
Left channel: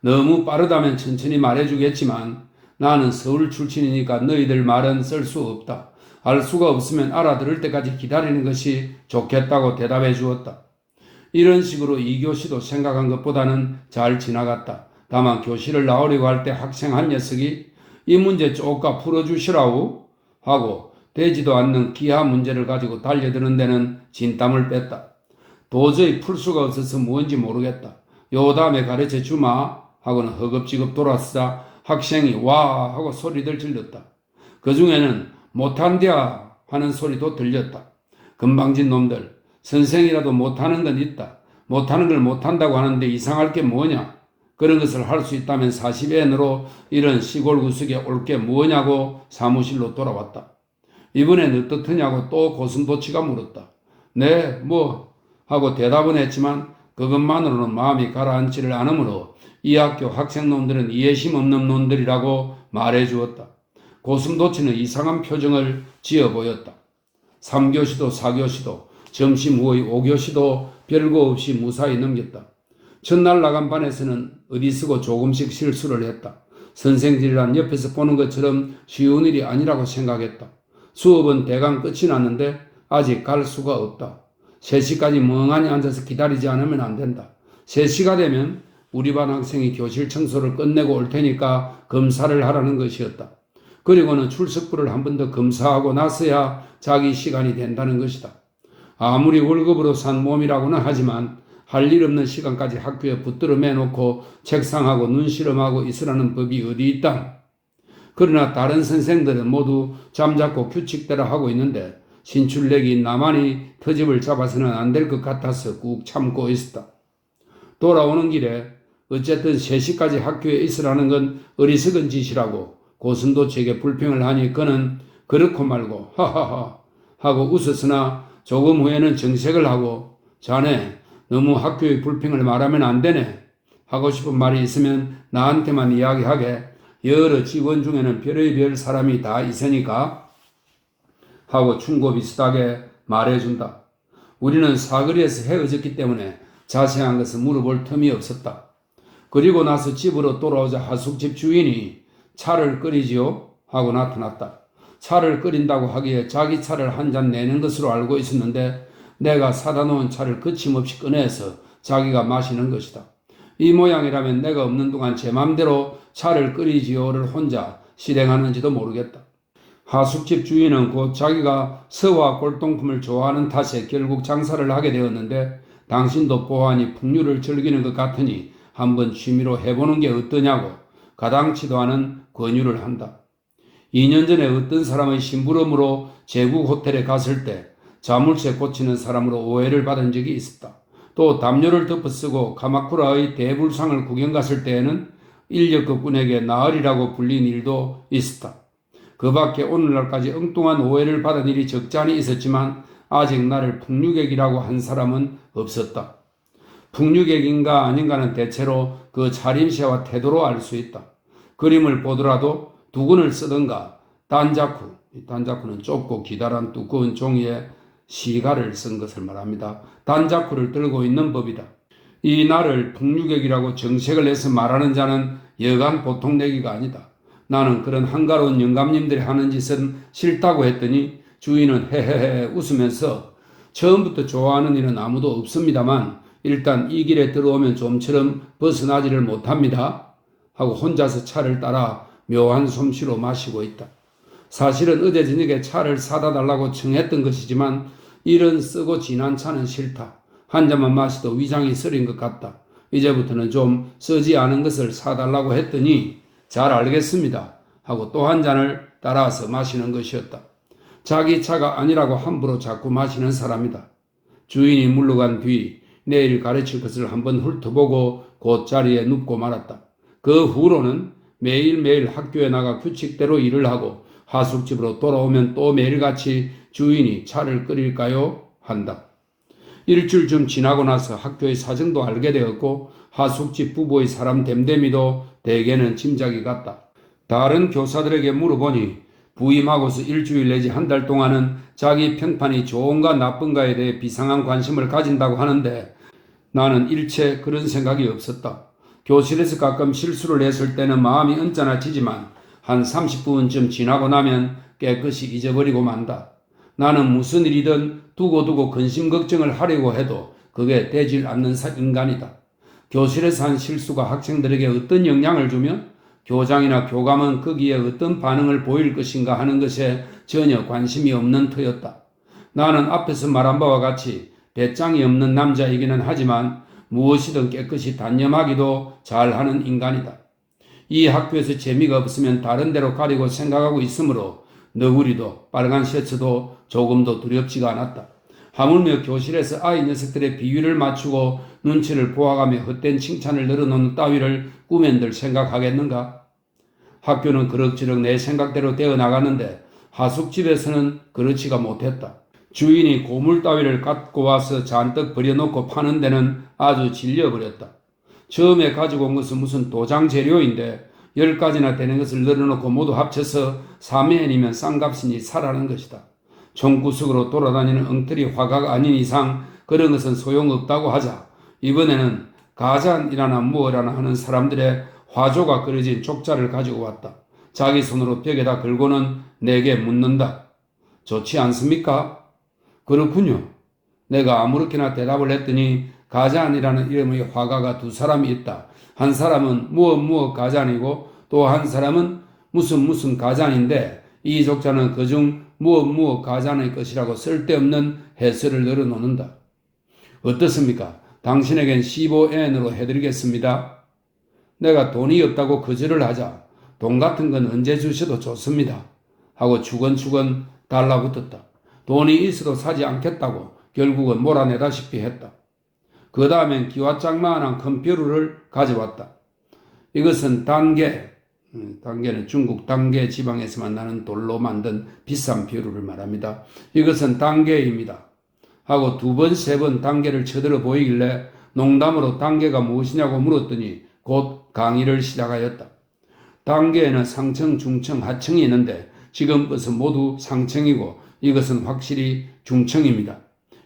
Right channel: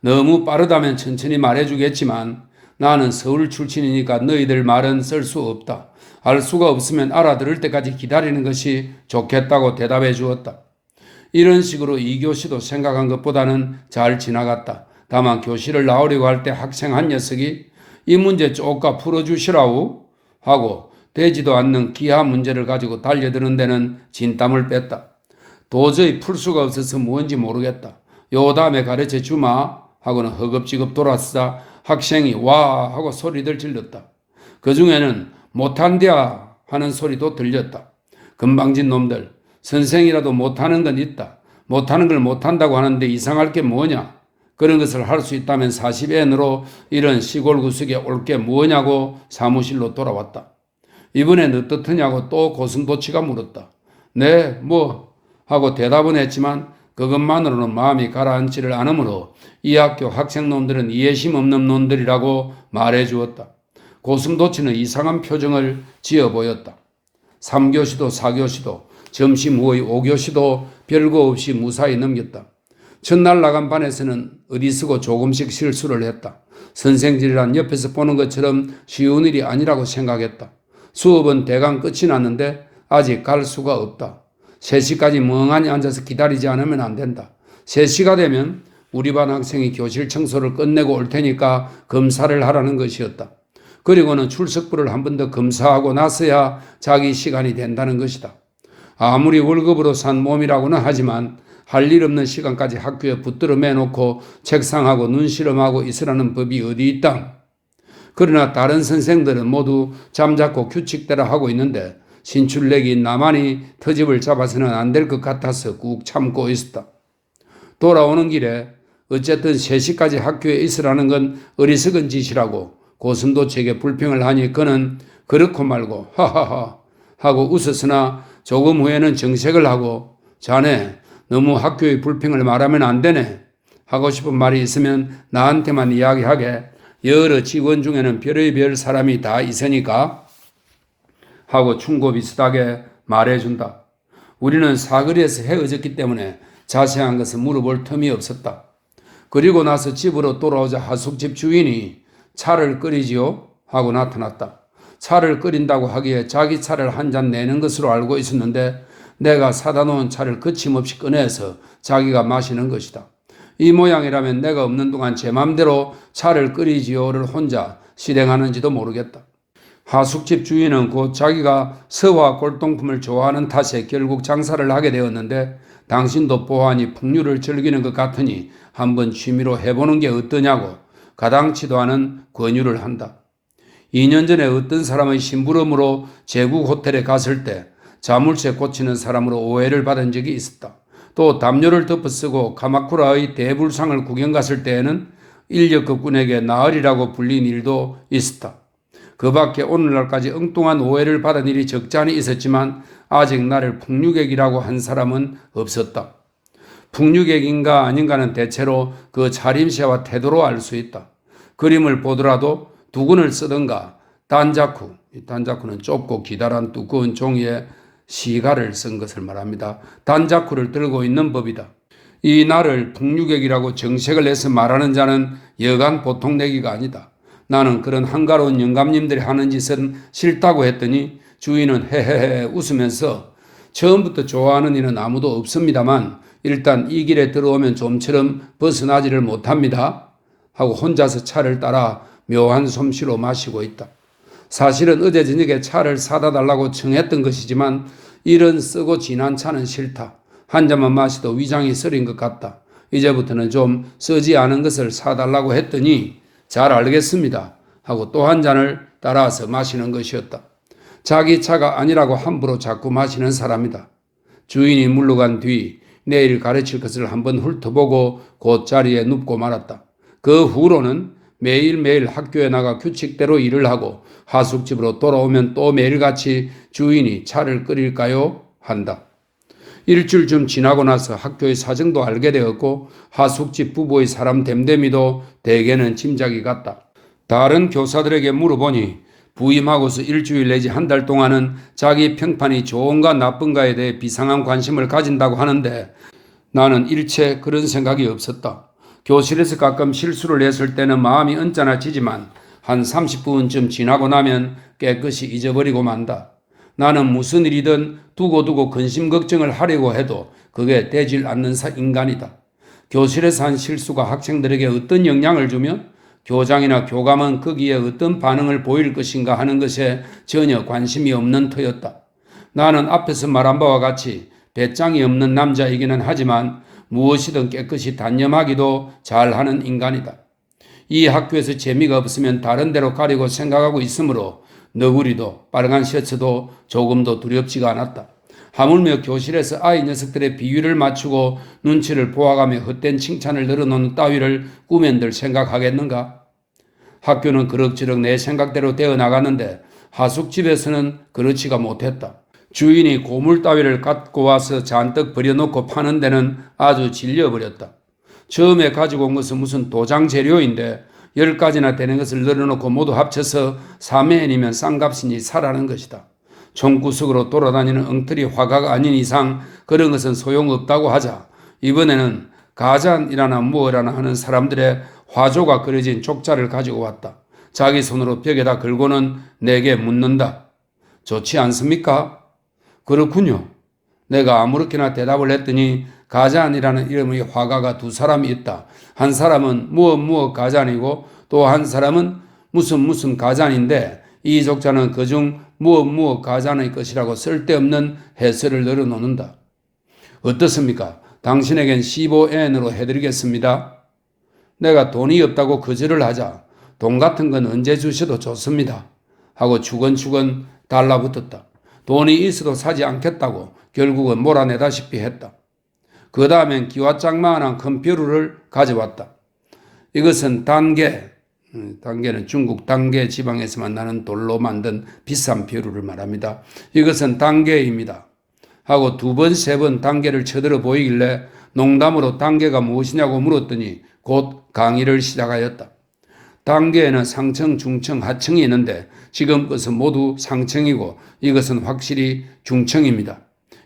너무 빠르다면 천천히 말해주겠지만 나는 서울 출신이니까 너희들 말은 쓸 수 없다. 알 수가 없으면 알아들을 때까지 기다리는 것이 좋겠다고 대답해 주었다. 이런 식으로 2교시도 생각한 것보다는 잘 지나갔다. 다만 교실을 나오려고 할 때 학생 한 녀석이 이 문제 쪼까 풀어주시라우 하고 되지도 않는 기하 문제를 가지고 달려드는 데는 진땀을 뺐다. 도저히 풀 수가 없어서 뭔지 모르겠다. 요 다음에 가르쳐 주마 하고는 허겁지겁 돌아서자 학생이 와 하고 소리들 질렀다. 그 중에는 못한대야 하는 소리도 들렸다. 건방진 놈들, 선생이라도 못하는 건 있다. 못하는 걸 못한다고 하는데 이상할 게 뭐냐? 그런 것을 할 수 있다면 40엔으로 이런 시골 구석에 올 게 뭐냐고 사무실로 돌아왔다. 이번엔 어떻더냐고 또 고슴도치가 물었다. 네, 뭐 하고 대답은 했지만 그것만으로는 마음이 가라앉지를 않으므로 이 학교 학생놈들은 이해심 없는 놈들이라고 말해 주었다. 고슴도치는 이상한 표정을 지어 보였다. 3교시도 4교시도 점심 후의 5교시도 별거 없이 무사히 넘겼다. 첫날 나간 반에서는 어디서고 조금씩 실수를 했다. 선생들이란 옆에서 보는 것처럼 쉬운 일이 아니라고 생각했다. 수업은 대강 끝이 났는데 아직 갈 수가 없다. 3시까지 멍하니 앉아서 기다리지 않으면 안 된다. 3시가 되면 우리 반 학생이 교실 청소를 끝내고 올 테니까 검사를 하라는 것이었다. 그리고는 출석부를 한 번 더 검사하고 나서야 자기 시간이 된다는 것이다. 아무리 월급으로 산 몸이라고는 하지만 할 일 없는 시간까지 학교에 붙들어 매놓고 책상하고 눈시름하고 있으라는 법이 어디 있다. 그러나 다른 선생들은 모두 잠자코 규칙대로 하고 있는데 신출내기 나만이 터집을 잡아서는 안 될 것 같아서 꾹 참고 있었다. 돌아오는 길에 어쨌든 3시까지 학교에 있으라는 건 어리석은 짓이라고 고선도 제게 불평을 하니 그는 그렇고 말고 하하하 하고 웃었으나 조금 후에는 정색을 하고 자네 너무 학교의 불평을 말하면 안 되네. 하고 싶은 말이 있으면 나한테만 이야기하게. 여러 직원 중에는 별의별 사람이 다 있으니까 하고 충고 비슷하게 말해준다. 우리는 사거리에서 헤어졌기 때문에 자세한 것은 물어볼 틈이 없었다. 그리고 나서 집으로 돌아오자 하숙집 주인이 차를 끓이지요? 하고 나타났다. 차를 끓인다고 하기에 자기 차를 한 잔 내는 것으로 알고 있었는데 내가 사다 놓은 차를 거침없이 꺼내서 자기가 마시는 것이다. 이 모양이라면 내가 없는 동안 제 맘대로 차를 끓이지요를 혼자 실행하는지도 모르겠다. 하숙집 주인은 곧 자기가 서화 골동품을 좋아하는 탓에 결국 장사를 하게 되었는데 당신도 보아하니 풍류를 즐기는 것 같으니 한번 취미로 해보는 게 어떠냐고 가당치도 않은 권유를 한다. 2년 전에 어떤 사람의 심부름으로 제국 호텔에 갔을 때 자물쇠 고치는 사람으로 오해를 받은 적이 있었다. 또 담요를 덮어쓰고 카마쿠라의 대불상을 구경 갔을 때에는 인력거꾼에게 나으리라고 불린 일도 있었다. 그 밖에 오늘날까지 엉뚱한 오해를 받은 일이 적잖이 있었지만 아직 나를 풍류객이라고 한 사람은 없었다. 풍류객인가 아닌가는 대체로 그 차림새와 태도로 알 수 있다. 그림을 보더라도 두근을 쓰던가 단자쿠는 좁고 기다란 두꺼운 종이에 시가를 쓴 것을 말합니다. 단자쿠를 들고 있는 법이다. 이 나를 풍류객이라고 정색을 해서 말하는 자는 여간 보통 내기가 아니다. 나는 그런 한가로운 영감님들이 하는 짓은 싫다고 했더니 주인은 헤헤헤 웃으면서 처음부터 좋아하는 일은 아무도 없습니다만 일단 이 길에 들어오면 좀처럼 벗어나지를 못합니다. 하고 혼자서 차를 따라 묘한 솜씨로 마시고 있다. 사실은 어제 저녁에 차를 사다 달라고 청했던 것이지만 이런 쓰고 진한 차는 싫다. 한 잔만 마셔도 위장이 쓰린 것 같다. 이제부터는 좀 쓰지 않은 것을 사달라고 했더니 잘 알겠습니다. 하고 또 한 잔을 따라서 마시는 것이었다. 자기 차가 아니라고 함부로 자꾸 마시는 사람이다. 주인이 물러간 뒤 내일 가르칠 것을 한번 훑어보고 곧 자리에 눕고 말았다. 그 후로는 매일매일 학교에 나가 규칙대로 일을 하고 하숙집으로 돌아오면 또 매일같이 주인이 차를 끓일까요? 한다. 일주일쯤 지나고 나서 학교의 사정도 알게 되었고 하숙집 부부의 사람 됨됨이도 대개는 짐작이 갔다. 다른 교사들에게 물어보니 부임하고서 일주일 내지 한 달 동안은 자기 평판이 좋은가 나쁜가에 대해 비상한 관심을 가진다고 하는데 나는 일체 그런 생각이 없었다. 교실에서 가끔 실수를 했을 때는 마음이 언짢아지지만 한 30분쯤 지나고 나면 깨끗이 잊어버리고 만다. 나는 무슨 일이든 두고두고 근심 걱정을 하려고 해도 그게 되질 않는 인간이다. 교실에서 한 실수가 학생들에게 어떤 영향을 주며 교장이나 교감은 거기에 어떤 반응을 보일 것인가 하는 것에 전혀 관심이 없는 터였다. 나는 앞에서 말한 바와 같이 배짱이 없는 남자이기는 하지만 무엇이든 깨끗이 단념하기도 잘하는 인간이다. 이 학교에서 재미가 없으면 다른 데로 가려고 생각하고 있으므로 너구리도 빨간 셔츠도 조금도 두렵지가 않았다. 하물며 교실에서 아이 녀석들의 비위를 맞추고 눈치를 보아가며 헛된 칭찬을 늘어놓는 따위를 꿈엔들 생각하겠는가? 학교는 그럭저럭 내 생각대로 되어 나갔는데 하숙집에서는 그렇지가 못했다. 주인이 고물 따위를 갖고 와서 잔뜩 버려놓고 파는 데는 아주 질려버렸다. 처음에 가지고 온 것은 무슨 도장 재료인데 10가지나 되는 것을 늘어놓고 모두 합쳐서 3회엔이면 싼값이니 사라는 것이다. 총구석으로 돌아다니는 엉터리 화가가 아닌 이상 그런 것은 소용없다고 하자 이번에는 가잔이라나 무엇이라나 하는 사람들의 화조가 그려진 족자를 가지고 왔다. 자기 손으로 벽에다 걸고는 내게 묻는다. 좋지 않습니까? 그렇군요. 내가 아무렇게나 대답을 했더니 가잔이라는 이름의 화가가 두 사람이 있다. 한 사람은 무엇 가잔이고 또 한 사람은 무슨 가잔인데 이 족자는 그중 무엇 가잔의 것이라고 쓸데없는 해설을 늘어놓는다. 어떻습니까? 당신에겐 15엔으로 해드리겠습니다. 내가 돈이 없다고 거절을 하자 돈 같은 건 언제 주셔도 좋습니다. 하고 주건주건 달라붙었다. 돈이 있어도 사지 않겠다고 결국은 몰아내다시피 했다. 그 다음엔 기와장만한 큰 벼루를 가져왔다. 이것은 단계는 중국 단계 지방에서만 나는 돌로 만든 비싼 벼루를 말합니다. 이것은 단계입니다. 하고 두 번, 세 번 단계를 쳐들어 보이길래 농담으로 단계가 무엇이냐고 물었더니 곧 강의를 시작하였다. 단계에는 상층, 중층, 하층이 있는데 지금 것은 모두 상층이고 이것은 확실히 중층입니다.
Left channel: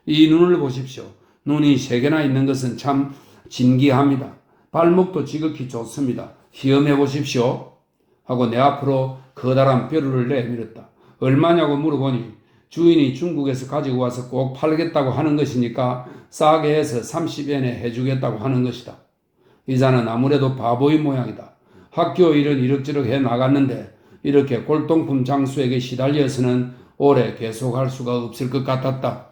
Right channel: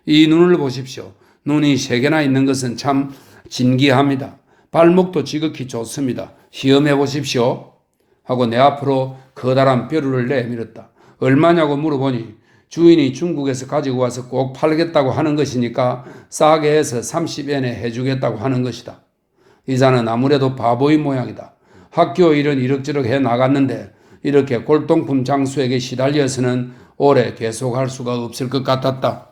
이 눈을 보십시오. 눈이 세 개나 있는 것은 참 진기합니다. 발목도 지극히 좋습니다. 시험해 보십시오. 하고 내 앞으로 커다란 벼루를 내밀었다. 얼마냐고 물어보니 주인이 중국에서 가지고 와서 꼭 팔겠다고 하는 것이니까 싸게 해서 30엔에 해주겠다고 하는 것이다. 이자는 아무래도 바보인 모양이다. 학교 일은 이럭저럭 해 나갔는데 이렇게 골동품 장수에게 시달려서는 오래 계속할 수가 없을 것 같았다.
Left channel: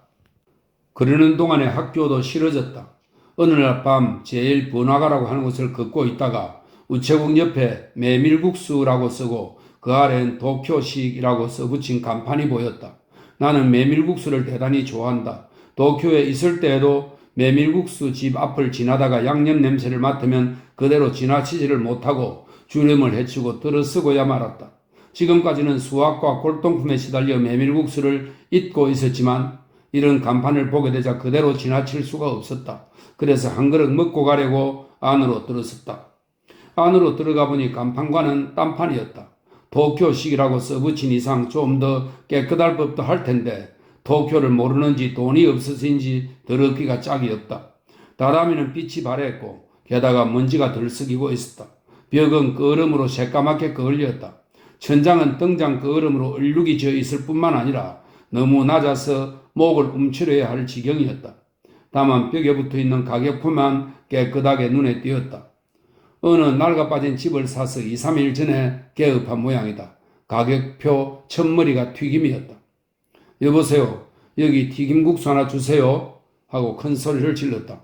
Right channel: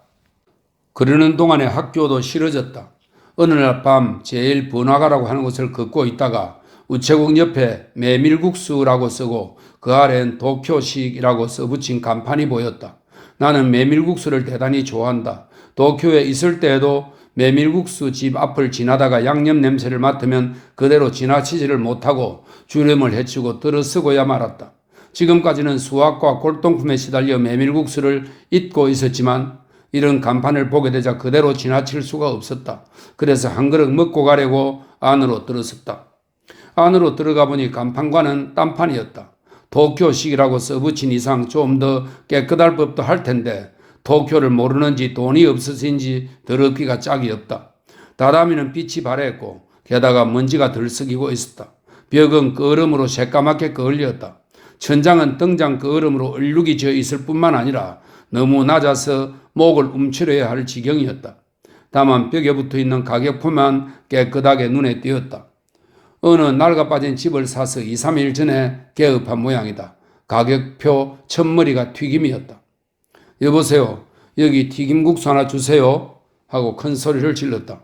그러는 동안에 학교도 싫어졌다. 어느 날 밤 제일 번화가라고 하는 곳을 걷고 있다가 우체국 옆에 메밀국수라고 쓰고 그 아래는 도쿄식이라고 써붙인 간판이 보였다. 나는 메밀국수를 대단히 좋아한다. 도쿄에 있을 때에도 메밀국수 집 앞을 지나다가 양념 냄새를 맡으면 그대로 지나치지를 못하고 주름을 헤치고 들어서고야 말았다. 지금까지는 수학과 골동품에 시달려 메밀국수를 잊고 있었지만 이런 간판을 보게 되자 그대로 지나칠 수가 없었다. 그래서 한 그릇 먹고 가려고 안으로 들어섰다. 안으로 들어가 보니 간판과는 딴판이었다. 도쿄식이라고 써붙인 이상 좀 더 깨끗할 법도 할 텐데 도쿄를 모르는지 돈이 없어서인지 더럽기가 짝이 없다. 다다미는 빛이 바랬고 게다가 먼지가 들썩이고 있었다. 벽은 끄얼음으로 새까맣게 그을렸다. 천장은 등장 끄얼음으로 얼룩이 져 있을 뿐만 아니라 너무 낮아서 목을 움츠려야 할 지경이었다. 다만 벽에 붙어있는 가격표만 깨끗하게 눈에 띄었다. 어느 낡아빠진 집을 사서 2, 3일 전에 개업한 모양이다. 가격표 첫머리가 튀김이었다. 여보세요. 여기 튀김국수 하나 주세요. 하고 큰 소리를 질렀다.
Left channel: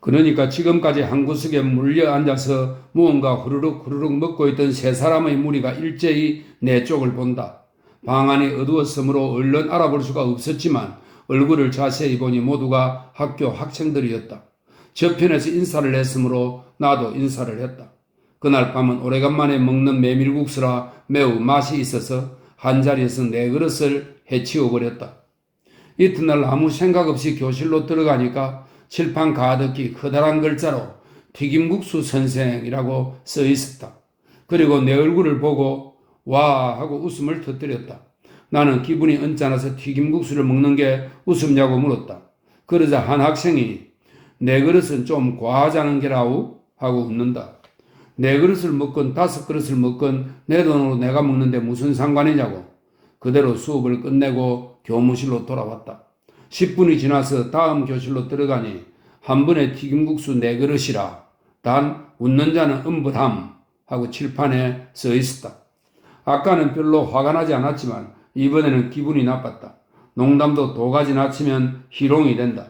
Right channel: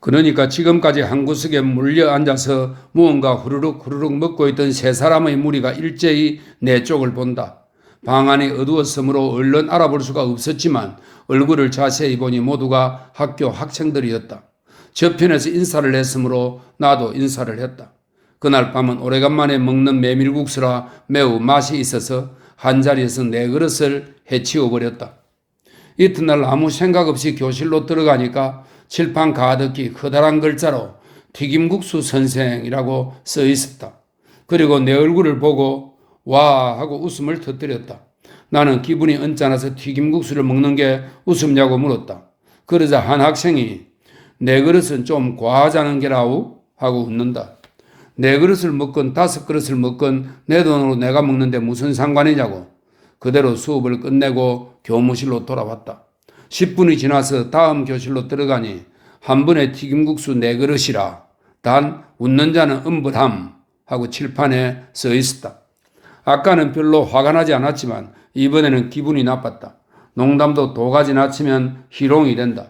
그러니까 지금까지 한 구석에 물려 앉아서 무언가 후루룩 먹고 있던 세 사람의 무리가 일제히 내 쪽을 본다. 방 안이 어두웠으므로 얼른 알아볼 수가 없었지만 얼굴을 자세히 보니 모두가 학교 학생들이었다. 저편에서 인사를 했으므로 나도 인사를 했다. 그날 밤은 오래간만에 먹는 메밀국수라 매우 맛이 있어서 한자리에서 네 그릇을 해치워버렸다. 이튿날 아무 생각 없이 교실로 들어가니까 칠판 가득히 커다란 글자로 튀김국수 선생이라고 써 있었다. 그리고 내 얼굴을 보고 와 하고 웃음을 터뜨렸다. 나는 기분이 언짢아서 튀김국수를 먹는 게 웃음냐고 물었다. 그러자 한 학생이 내 그릇은 좀 과하자는 게라우 하고 웃는다. 네 그릇을 먹건 5그릇을 먹건 내 돈으로 내가 먹는데 무슨 상관이냐고. 그대로 수업을 끝내고 교무실로 돌아왔다. 10분이 지나서 다음 교실로 들어가니 한 번에 튀김국수 4그릇이라 단 웃는 자는 음부담 하고 칠판에 써 있었다. 아까는 별로 화가 나지 않았지만 이번에는 기분이 나빴다. 농담도 도가지 낮추면 희롱이 된다.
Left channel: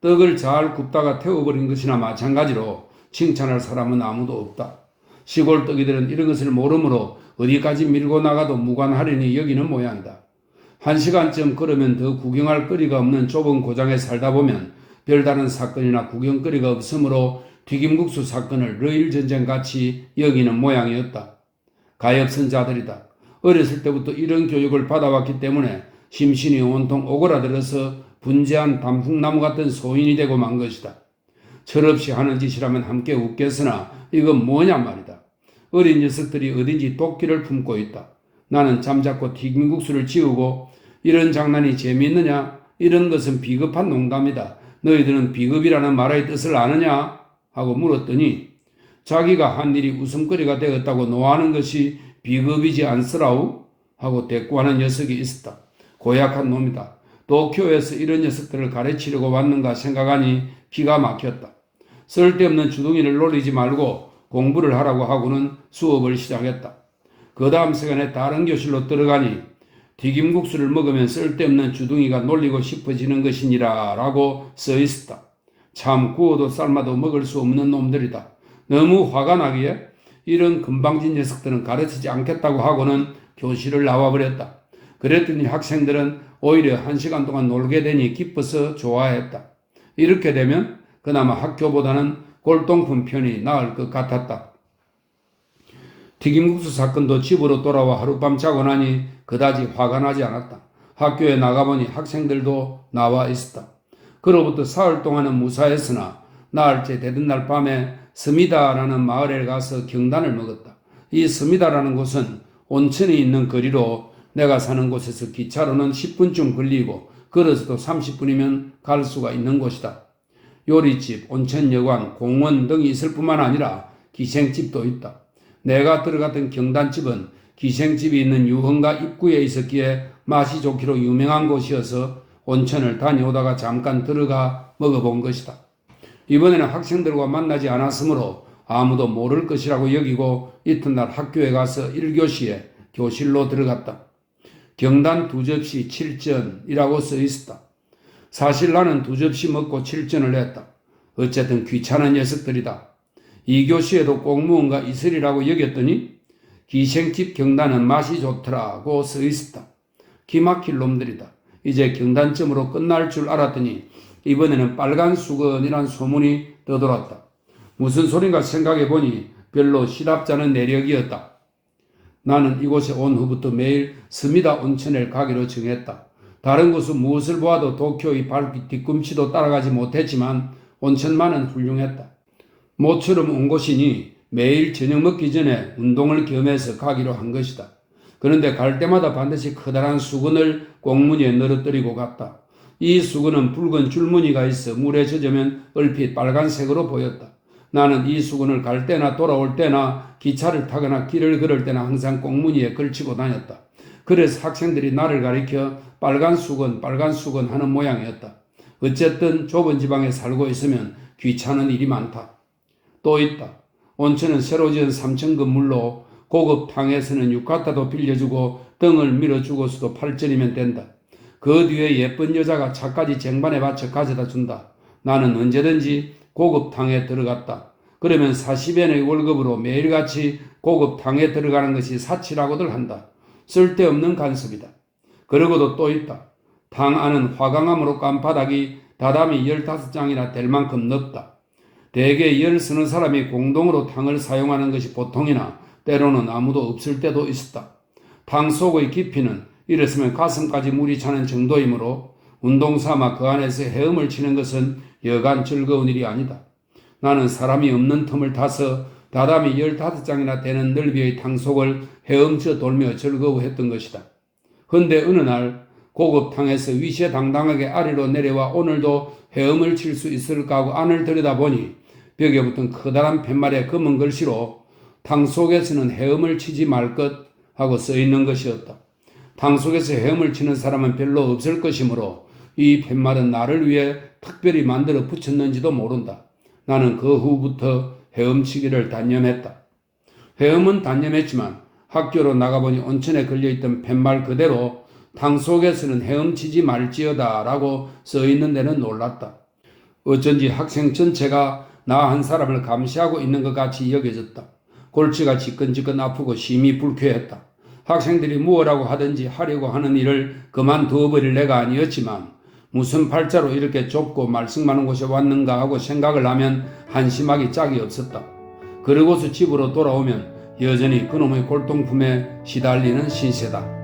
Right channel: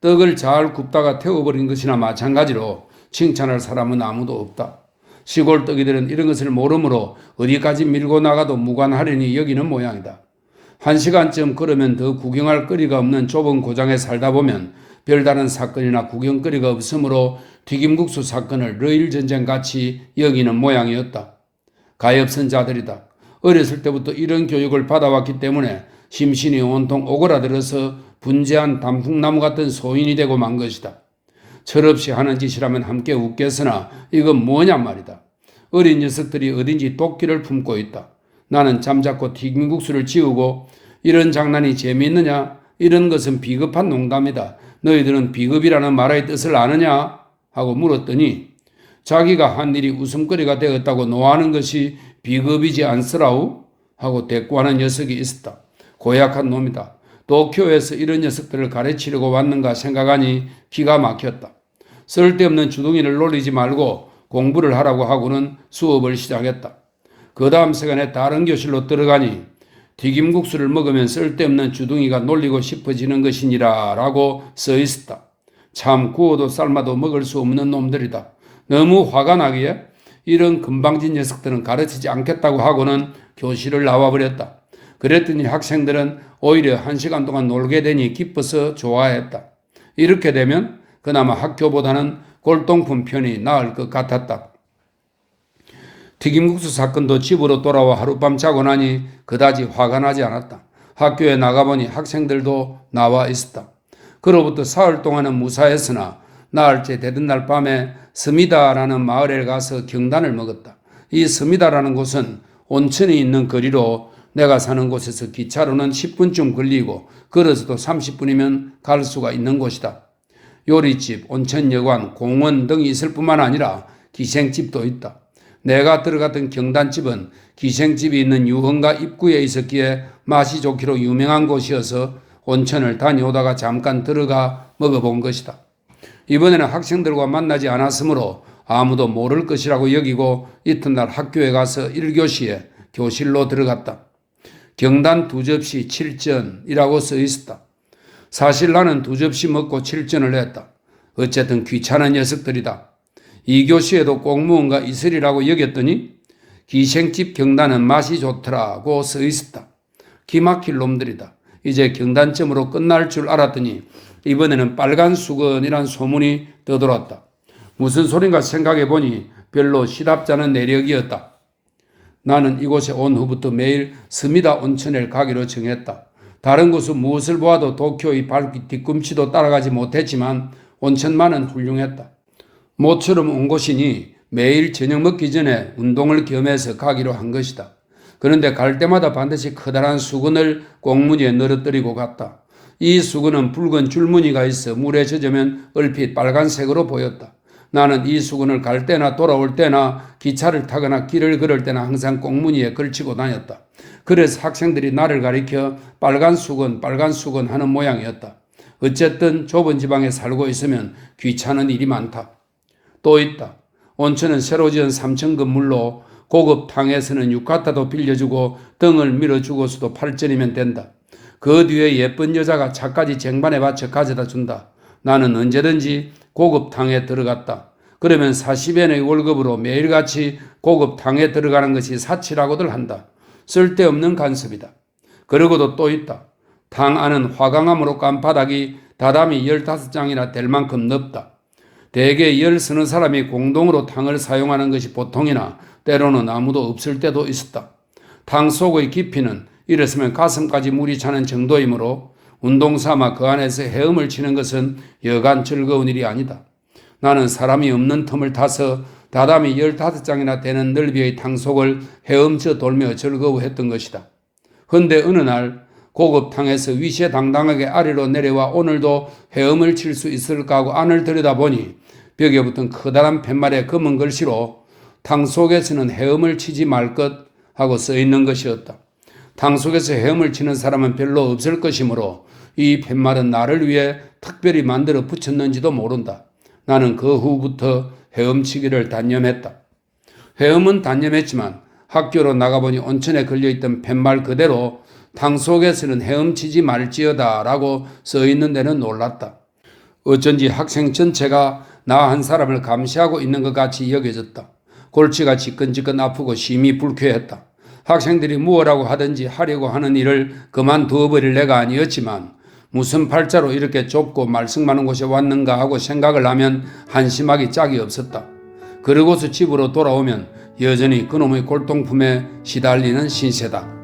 떡을 잘 굽다가 태워버린 것이나 마찬가지로 칭찬할 사람은 아무도 없다. 시골 떡이들은 이런 것을 모르므로 어디까지 밀고 나가도 무관하려니 여기는 모양이다. 1시간쯤 걸으면 더 구경할 거리가 없는 좁은 고장에 살다 보면 별다른 사건이나 구경거리가 없으므로 튀김국수 사건을 러일전쟁같이 여기는 모양이었다. 가엾은 자들이다. 어렸을 때부터 이런 교육을 받아왔기 때문에 심신이 온통 오그라들어서 분재한 단풍나무 같은 소인이 되고 만 것이다. 철없이 하는 짓이라면 함께 웃겠으나 이건 뭐냐 말이다. 어린 녀석들이 어딘지 도끼를 품고 있다. 나는 잠자코 튀김국수를 지우고 이런 장난이 재미있느냐? 이런 것은 비겁한 농담이다. 너희들은 비겁이라는 말의 뜻을 아느냐? 하고 물었더니 자기가 한 일이 웃음거리가 되었다고 노하는 것이 비겁이지 않으라우? 하고 대꾸하는 녀석이 있었다. 고약한 놈이다. 도쿄에서 이런 녀석들을 가르치려고 왔는가 생각하니 기가 막혔다. 쓸데없는 주둥이를 놀리지 말고 공부를 하라고 하고는 수업을 시작했다. 그 다음 시간에 다른 교실로 들어가니 튀김국수를 먹으면 쓸데없는 주둥이가 놀리고 싶어지는 것이니라 라고 써 있었다. 참 구워도 삶아도 먹을 수 없는 놈들이다. 너무 화가 나기에 이런 건방진 녀석들은 가르치지 않겠다고 하고는 교실을 나와버렸다. 그랬더니 학생들은 오히려 1시간 동안 놀게 되니 기뻐서 좋아했다. 이렇게 되면 그나마 학교보다는 골동품 편이 나을 것 같았다. 튀김국수 사건도 집으로 돌아와 하룻밤 자고 나니 그다지 화가 나지 않았다. 학교에 나가보니 학생들도 나와 있었다. 그로부터 사흘 동안은 무사했으나 나흘째 되던 날 밤에 스미다라는 마을에 가서 경단을 먹었다. 이 스미다라는 곳은 온천이 있는 거리로 내가 사는 곳에서 기차로는 10분쯤 걸리고 걸어서도 30분이면 갈 수가 있는 곳이다. 요리집, 온천여관, 공원 등이 있을 뿐만 아니라 기생집도 있다. 내가 들어갔던 경단집은 기생집이 있는 유흥가 입구에 있었기에 맛이 좋기로 유명한 곳이어서 온천을 다녀오다가 잠깐 들어가 먹어본 것이다. 이번에는 학생들과 만나지 않았으므로 아무도 모를 것이라고 여기고 이튿날 학교에 가서 1교시에 교실로 들어갔다. 경단 2접시 7전이라고 써 있었다. 사실 나는 2접시 먹고 7전을 했다. 어쨌든 귀찮은 녀석들이다. 2교시에도 꼭 무언가 있으리라고 여겼더니 기생집 경단은 맛이 좋더라고 써 있었다. 기막힐 놈들이다. 이제 경단점으로 끝날 줄 알았더니 이번에는 빨간 수건이란 소문이 떠돌았다. 무슨 소린가 생각해보니 별로 시답잖은 내력이었다. 나는 이곳에 온 후부터 매일 스미다 온천에 가기로 정했다. 다른 곳은 무엇을 보아도 도쿄의 발길 뒤꿈치도 따라가지 못했지만 온천만은 훌륭했다. 모처럼 온 곳이니 매일 저녁 먹기 전에 운동을 겸해서 가기로 한 것이다. 그런데 갈 때마다 반드시 커다란 수건을 꽁무니에 늘어뜨리고 갔다. 이 수건은 붉은 줄무늬가 있어 물에 젖으면 얼핏 빨간색으로 보였다. 나는 이 수건을 갈 때나 돌아올 때나 기차를 타거나 길을 걸을 때나 항상 꽁무니에 걸치고 다녔다. 그래서 학생들이 나를 가리켜 빨간 수건 하는 모양이었다. 어쨌든 좁은 지방에 살고 있으면 귀찮은 일이 많다. 또 있다. 온천은 새로 지은 3층 건물로 고급 탕에서는 유카타도 빌려주고 등을 밀어주고서도 8전이면 된다. 그 뒤에 예쁜 여자가 차까지 쟁반에 받쳐 가져다 준다. 나는 언제든지 고급 탕에 들어갔다. 그러면 40엔의 월급으로 매일같이 고급 탕에 들어가는 것이 사치라고들 한다. 쓸데없는 간섭이다. 그러고도 또 있다. 탕 안은 화강암으로 깐 바닥이 다담이 15장이나 될 만큼 넓다. 대개 열 서너 사람이 공동으로 탕을 사용하는 것이 보통이나 때로는 아무도 없을 때도 있었다. 탕 속의 깊이는 일었으면 가슴까지 물이 차는 정도이므로 운동 삼아 그 안에서 헤엄을 치는 것은 여간 즐거운 일이 아니다. 나는 사람이 없는 틈을 타서 다담이 15장이나 되는 넓이의 탕 속을 헤엄쳐 돌며 즐거워했던 것이다. 헌데 어느 날 고급 탕에서 위시당당하게 아래로 내려와 오늘도 헤엄을 칠 수 있을까 하고 안을 들여다보니 벽에 붙은 커다란 팻말에 검은 글씨로 탕 속에서는 헤엄을 치지 말 것 하고 써있는 것이었다. 탕 속에서 헤엄을 치는 사람은 별로 없을 것이므로 이 팻말은 나를 위해 특별히 만들어 붙였는지도 모른다. 나는 그 후부터 헤엄치기를 단념했다. 헤엄은 단념했지만 학교로 나가보니 온천에 걸려있던 팻말 그대로 탕 속에서는 헤엄치지 말지어다 라고 써있는 데는 놀랐다. 어쩐지 학생 전체가 나 한 사람을 감시하고 있는 것 같이 여겨졌다. 골치가 지끈지끈 아프고 심히 불쾌했다. 학생들이 무엇라고 하든지 하려고 하는 일을 그만두어버릴 내가 아니었지만 무슨 팔자로 이렇게 좁고 말썽 많은 곳에 왔는가 하고 생각을 하면 한심하기 짝이 없었다. 그러고서 집으로 돌아오면 여전히 그놈의 골동품에 시달리는 신세다.